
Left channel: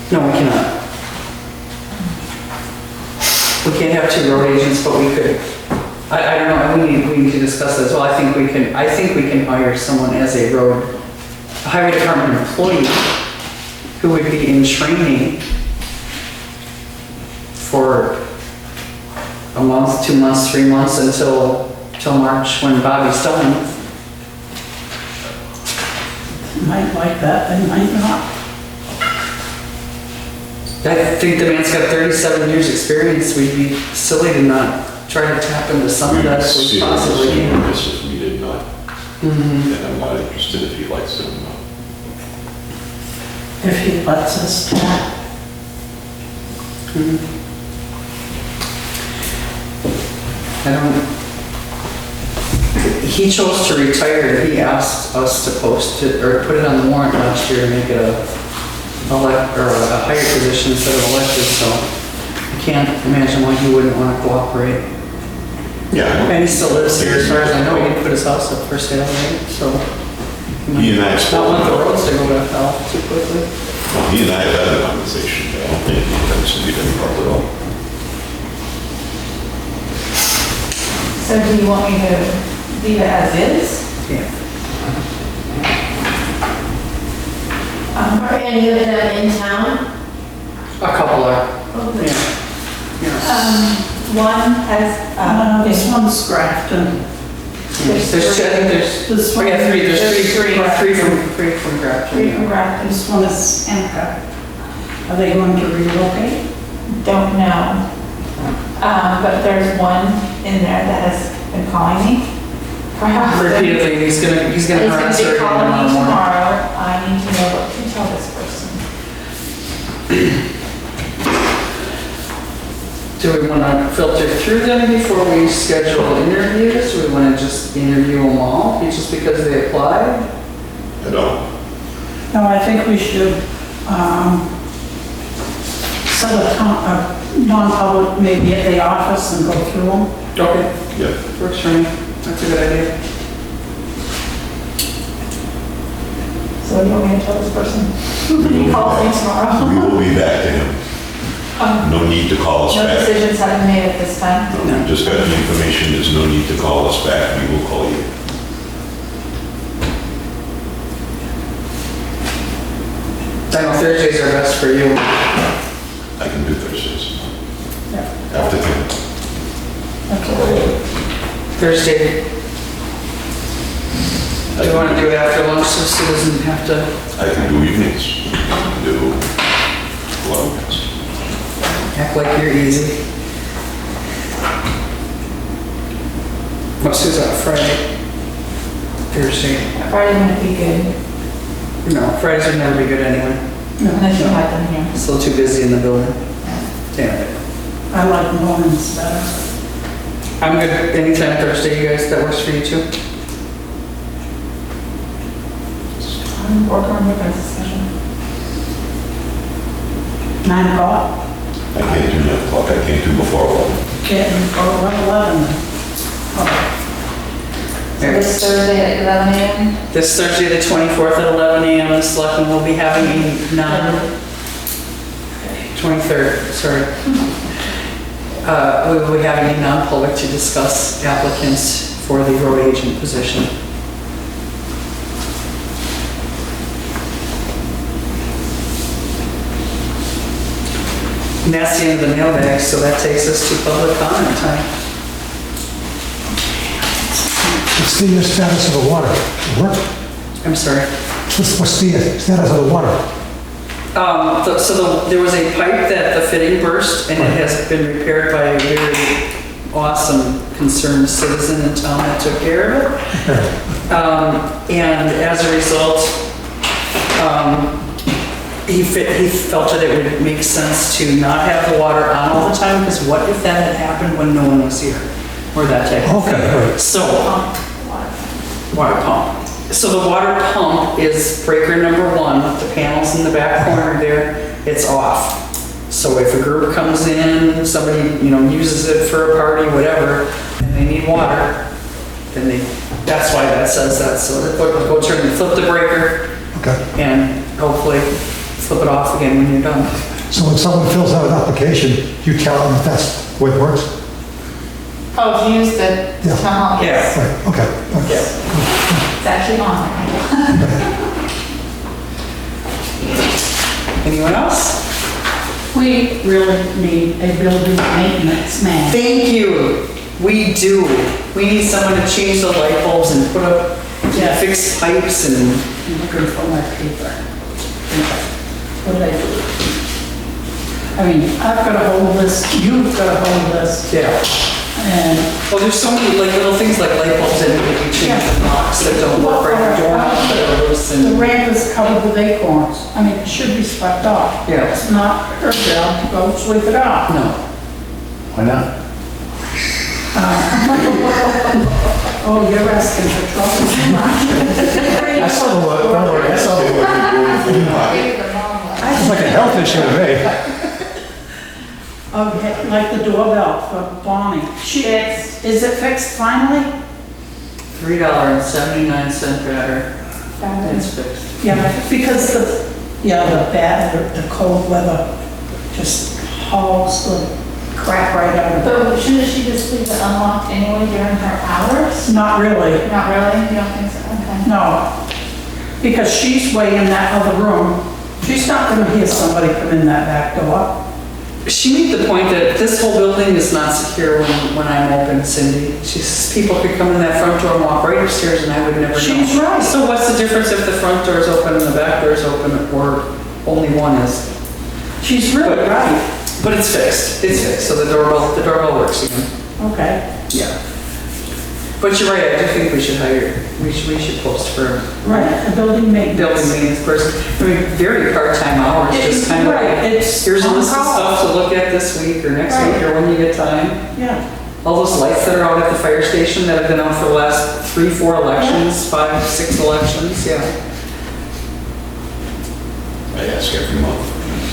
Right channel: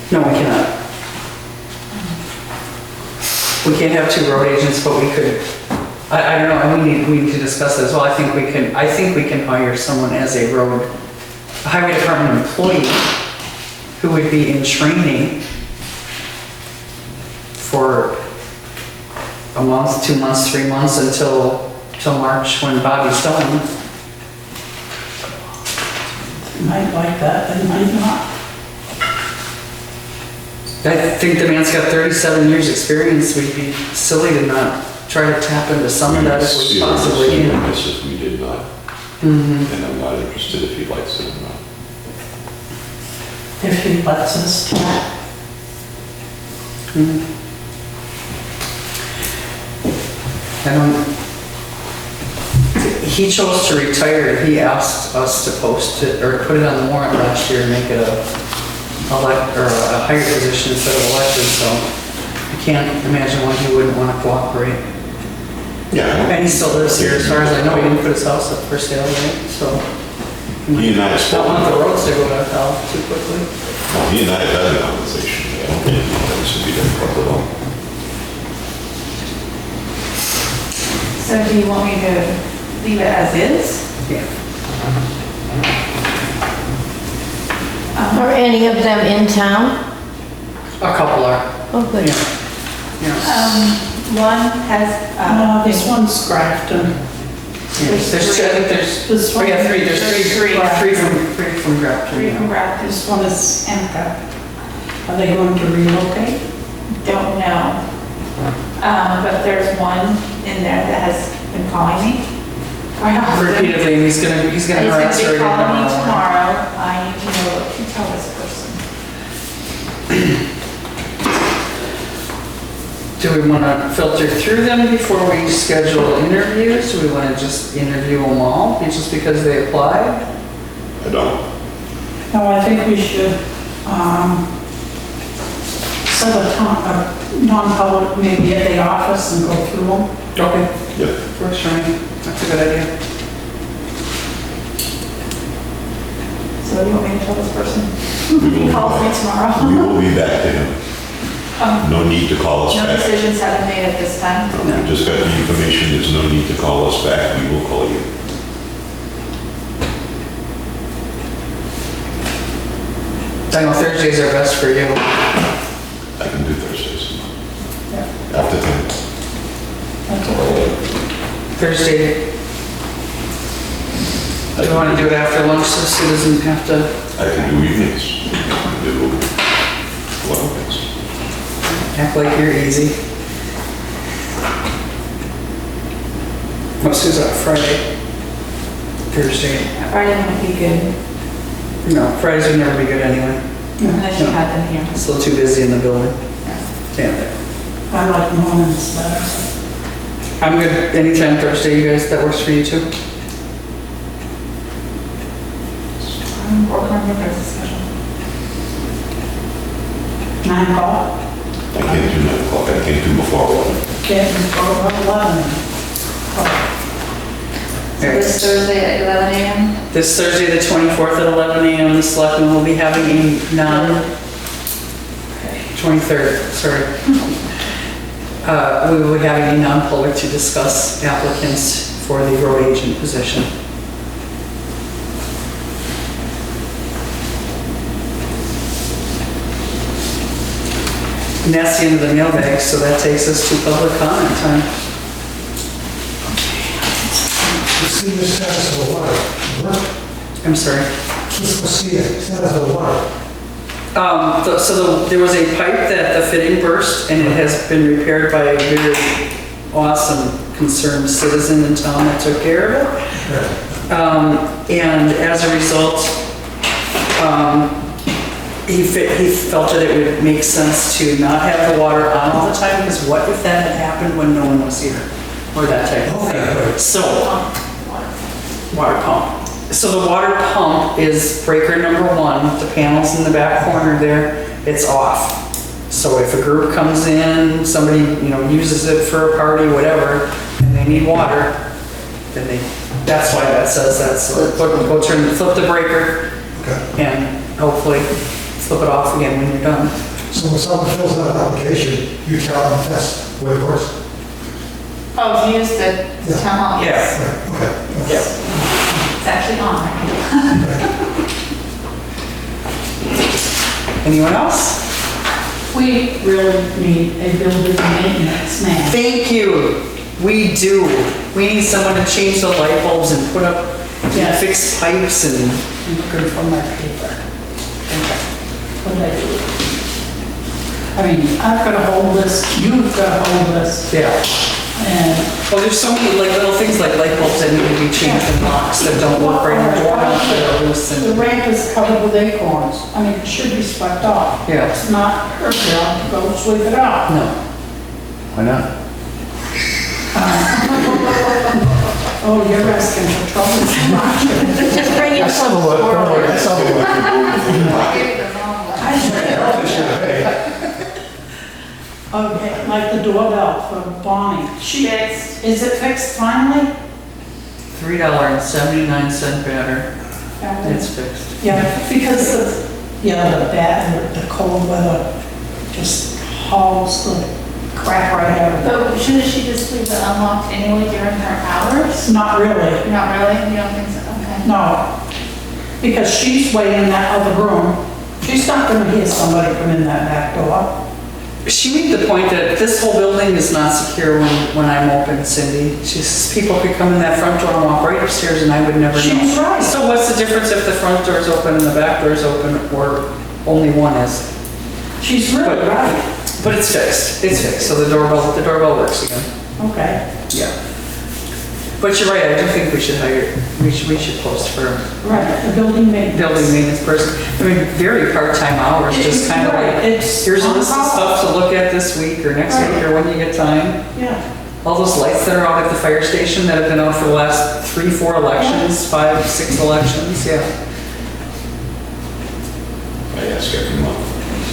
No, we cannot. We can't have 2 road agents, but we could, I don't know, we need to discuss that as well. I think we can hire someone as a highway department employee who would be in training for a month, 2 months, 3 months until March when Bobby's done. Might like that, they might not. I think the man's got 37 years experience. We'd be silly to not try to tap into some of that if we possibly can. If we did not, and I'm not interested if he likes it or not. If he lets us try. He chose to retire. He asked us to post it or put it on the warrant last year and make it a higher position instead of elected, so I can't imagine why he wouldn't want to cooperate. Yeah. And he still lives here, as far as I know. He didn't put his house up for sale, right? So He and I not spoke. want the roads to go to hell too quickly. Well, he and I have had a conversation, but I don't think he didn't problem at all. So do you want me to leave it as is? Yeah. Are any of them in town? A couple are. Oh, good. Yeah. One has, This one's Grafton. There's two, I think there's, This oh one. yeah, three, there's There's three three. three from Grafton. Three from yeah. Grafton. This one is Emka. Are they going to relocate? Don't know. But there's one in there that has been calling me. quite often. Repeatedly, and he's gonna He's gonna harass her be again calling me tomorrow morning. tomorrow. I need to know what to tell this person. Do we wanna filter through them before we schedule interviews? Do we wanna just interview them all, just because they applied? I don't. No, I think we should, set a non-public maybe at the office and go through them. Okay. Yeah. Works for me, that's a good idea. So what do you want me to tell this person? We He will calls me be tomorrow. We will be back to him. No need to call us No back. decisions have been made at this time. We just got the information, there's no need to call us back, we will call you. I know Thursdays are best for you. I can do Thursdays. Yeah. After 10. That's all. Thursday. Do you wanna do it after lunch so Sue doesn't have to? I can do evenings. I can do weekends. Act like you're easy. What's Sue's on Friday? Thursday? Friday wouldn't be good, No, Fridays would never be good anyway. unless you had them here. It's a little too busy in the building. Yeah. I like mornings better. I'm good anytime Thursday, you guys, that works for you too? I'm working on your guys' schedule. 9 o'clock? I can't do 9 o'clock, I can't do before 11. Get in for 11. So this Thursday at 11 a.m. This Thursday, the 24th at 11 a.m., the Selectmen will be having a 23rd, sorry. We will be having a non-public to discuss applicants for the road agent position. And that's the end of the mailbag, so that takes us to public comment time. What's the status of the water? What? I'm sorry. What's the status of the water? There was a pipe that the fitting burst, and it has been repaired by a very awesome concerned citizen in town that took care of it. And as a result, he felt that it would make sense to not have the water on all the time, because what if that had happened when no one was here? Or that type of thing. Okay, great. So, water pump. So the water pump is breaker number 1, the panels in the back corner there, it's off. So if a group comes in, somebody, uses it for a party, whatever, and they need water, then that's why that says that. So flip the breaker, Okay. and hopefully flip it off again when you're done. So when someone fills out an application, you tell them that's the way it works? Oh, to use the Yeah. town hall, yes. Right, okay. It's actually on there. Anyone else? We really need a building maintenance man. Thank you. We do. We need someone to change the light bulbs and put up, Yeah. fix pipes and, I'm looking for my paper. What did I do? I mean, I've got a whole list, you've got a whole list, yeah. and Well, there's so many little things like light bulbs that need to be changed, the blocks that don't work right, the doorknobs that are loose the and, ramp is covered with acorns. I mean, it should be swept off. Yeah. It's not her job to go sweep it off. no. Why not? Oh, you're asking for trouble too much. I saw the look, don't worry, I saw the look. It's like a health issue to me. Okay, like the doorbell for Bonnie. Fixed. Is it fixed finally? $3.79 better. It's fixed. Yeah, because the cold weather just hauls the crap right out of it. But shouldn't she just leave it unlocked anyway during her hours? Not really, Not really? You don't think so? Okay. no. Because she's way in that other room. She's not gonna hear somebody come in that back door. She made the point that this whole building is not secure when I'm open, Cindy. She says people could come in that front door and walk right upstairs and I would never know. She's right. So what's the difference if the front door is open and the back door is open, or only one is? She's really But- right. But it's fixed, so the doorbell works again. Okay. Yeah. But you're right, I do think we should post for Right, a building maintenance. building maintenance person. I mean, very part-time hours, just kind of Right, like, it's here's a on list of call. stuff to look at this week or next Right. week or when you get time. Yeah, All those lights that are out at the fire station that have been out for the last 3, 4 elections, 5, 6 elections, yeah. I ask every month.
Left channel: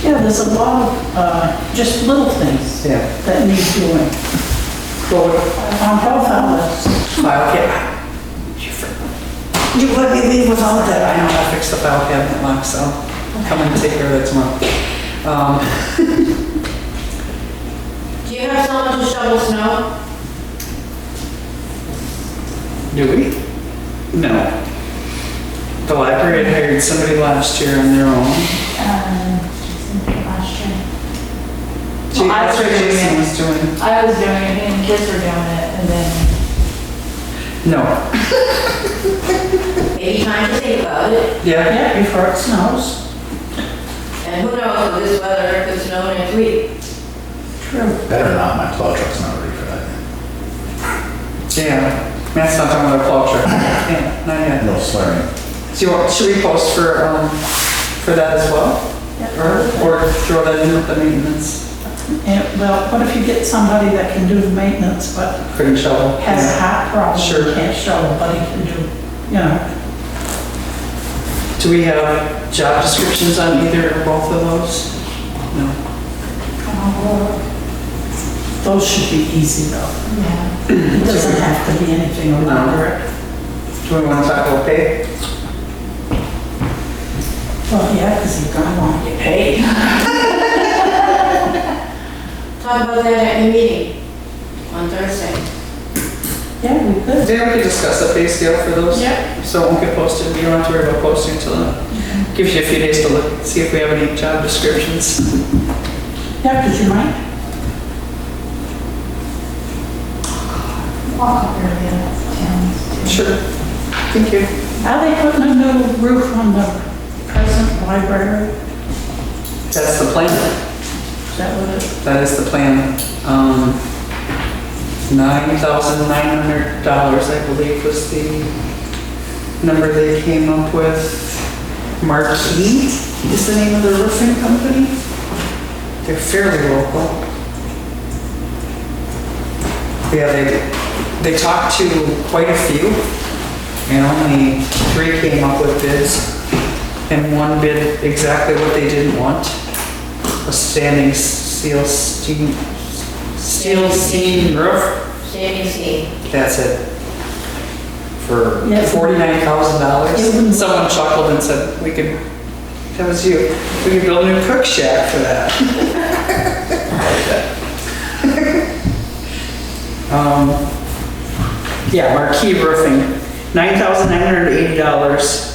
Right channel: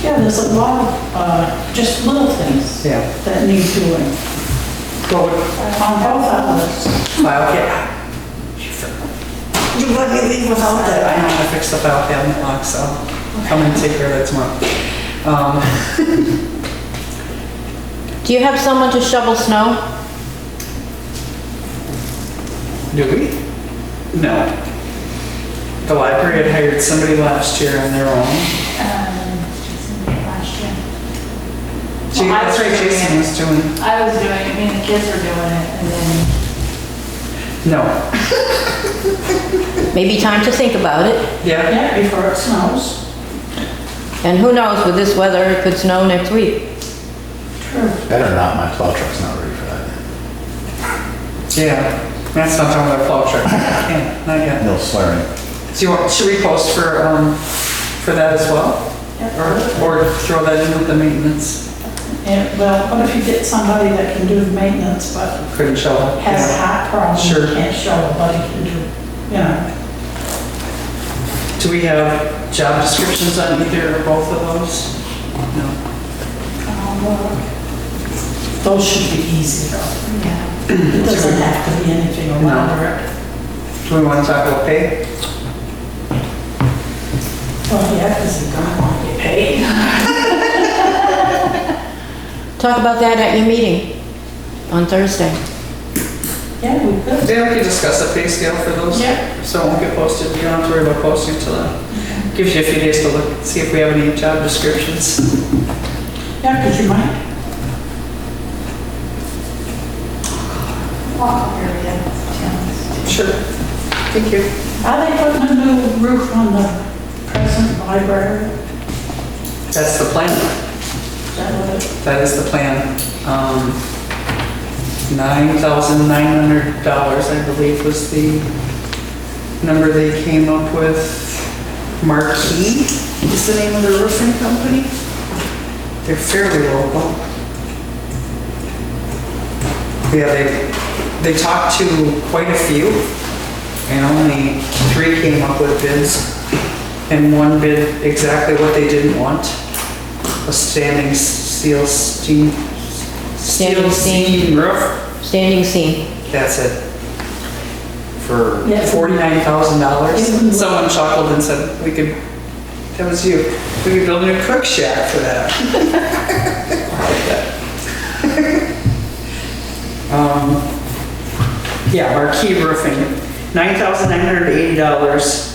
yeah, there's a lot of, just little things Yeah. that need doing Well, on both outlets. file cabinet. You let me leave without that. I know how to fix the file cabinet lock, so I'll come and take care of that tomorrow. Do you have someone to shovel snow? Do we? No. The library had hired somebody last year on their own. Last year. That's right, Jason was doing. I was doing it, me and the kids were doing it, and then No. Maybe time to think about it. Yeah. Yeah, before it snows. And who knows, with this weather, it could snow next week. True. Better not, my plow truck's not ready for that yet. Yeah. Matt's not talking about plow truck. Yeah, not yet. No swearing. So you want, should we post for that as well? Or throw that in with the maintenance? And, well, what if you get somebody that can do the maintenance, but Couldn't shovel. has a heart problem? Sure. Can't shovel, but he can do, you know. Do we have job descriptions on either or both of those? No. Those should be easy though. yeah. It doesn't have to be anything elaborate. Do we want to talk about pay? Well, yeah, because you're gonna want to get paid. Talk about that at your meeting on Thursday. Yeah, we could. Then we could discuss the pay scale for those. Yeah. So it won't get posted. You don't have to worry about posting until then. Gives you a few days to look, see if we have any job descriptions. Yeah, because you might. Walk-up area, towns. Sure. Thank you. Are they putting a new roof on the present library? That's the plan. Is that what it? That is the plan. $9,900, I believe, was the number they came up with. Marquee is the name of the roofing company. They're fairly local. Yeah, they talked to quite a few, and only 3 came up with bids. And one bid exactly what they didn't want. A standing steel seam roof. Standing seam. That's it. For Yeah. $49,000. Someone chuckled and said, that was you, we could build a new cook shack for that. Yeah, Marquee Roofing, $9,980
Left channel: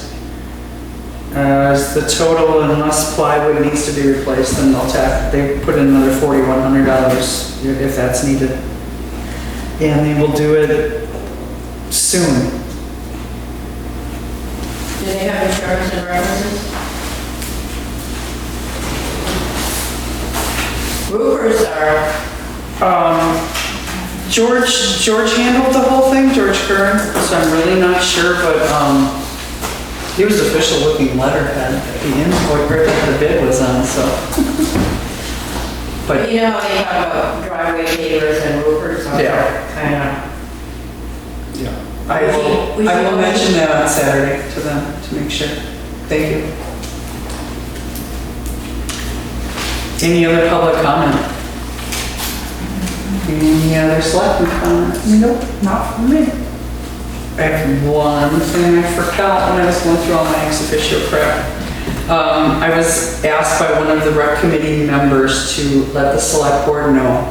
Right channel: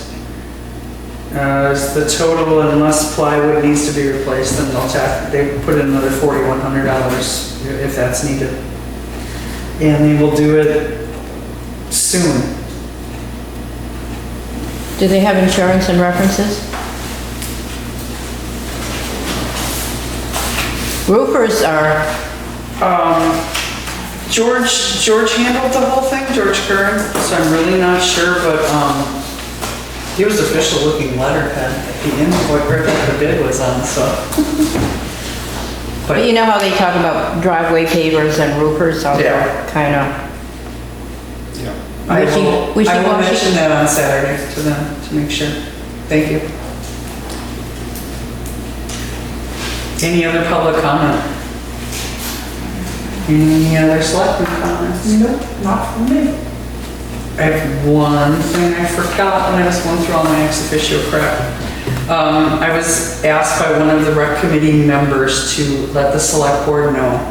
is the total, unless plywood needs to be replaced, then they put in another $4,100 if that's needed. And they will do it soon. Do they have insurance and references? Roofers are, George handled the whole thing, George Kern, so I'm really not sure, but, he was official looking letterhead at the invoice, where the bid was on, so. but you know how they talk about driveway pavers and roofers are Yeah. kind of. Yeah. I will mention that on Saturday to them, to make sure. Thank you. Any other public comment? Any other selectmen comments? Nope, not for me. I have one thing I forgot when I was going through all my ex officio crap. I was asked by one of the rec committee members to let the select board know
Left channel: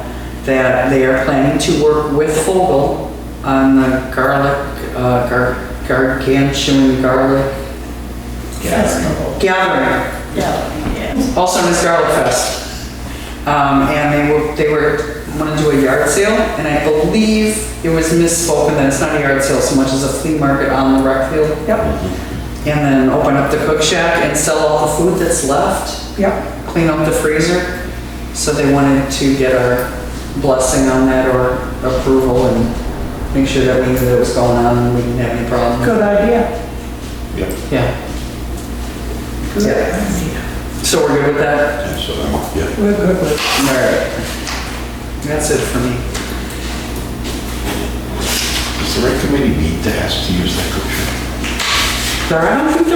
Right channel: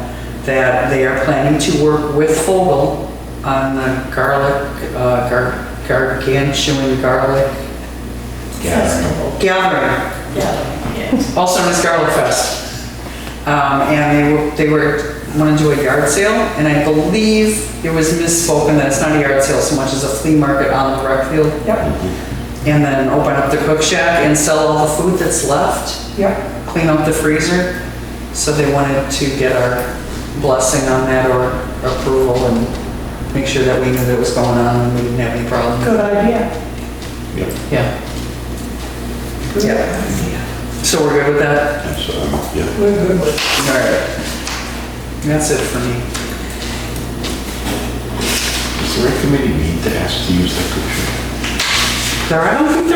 that they are planning to work with Fogel on the gargantuan garlic Festival. gathering, Yeah, yeah. also known as Garlic Fest. And they want to do a yard sale, and I believe it was misspoken that it's not a yard sale so much as a flea market on the rec field. Yep, And then open up the cook shack and sell all the food that's left, yep. clean up the freezer. So they wanted to get our blessing on that or approval and make sure that we knew that it was going on and we didn't have any problem. Good idea. Yeah, Yeah, Good Yeah. idea. so we're good with that? and so, yeah. We're good with it. All right. That's it for me. Does the rec committee need to ask to use that cook shack? I don't think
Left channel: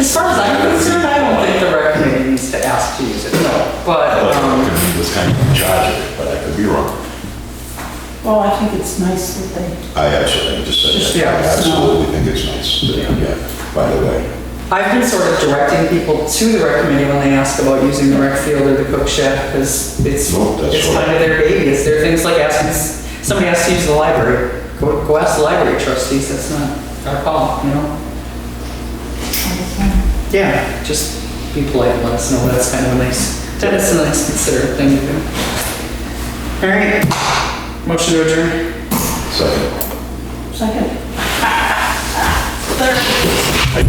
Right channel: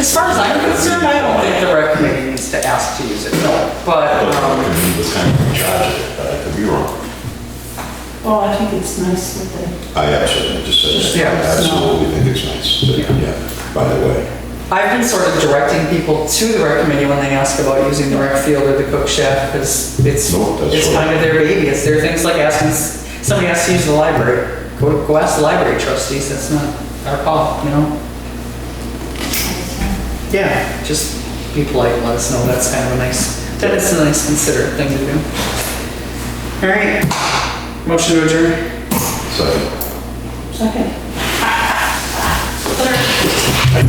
as far as I'm concerned, I don't think the rec committee needs to ask to use it, no. I But, thought the rec committee was kind of in charge of it, but I could be wrong. Well, I think it's nice that they, I just said that. Yeah, I absolutely think it's nice, yeah, by the way. I've been sort of directing people to the rec committee when they ask about using the rec field or the cook shack, because it's No, that's it's right. kind of their baby. It's their things like asking, somebody has to use the library. Go ask the library trustees, that's not our call, you know? Yeah, just be polite and let us know. That's kind of a nice, that's a nice considerate thing to do. All right, motion to adjourn. Second. second. I-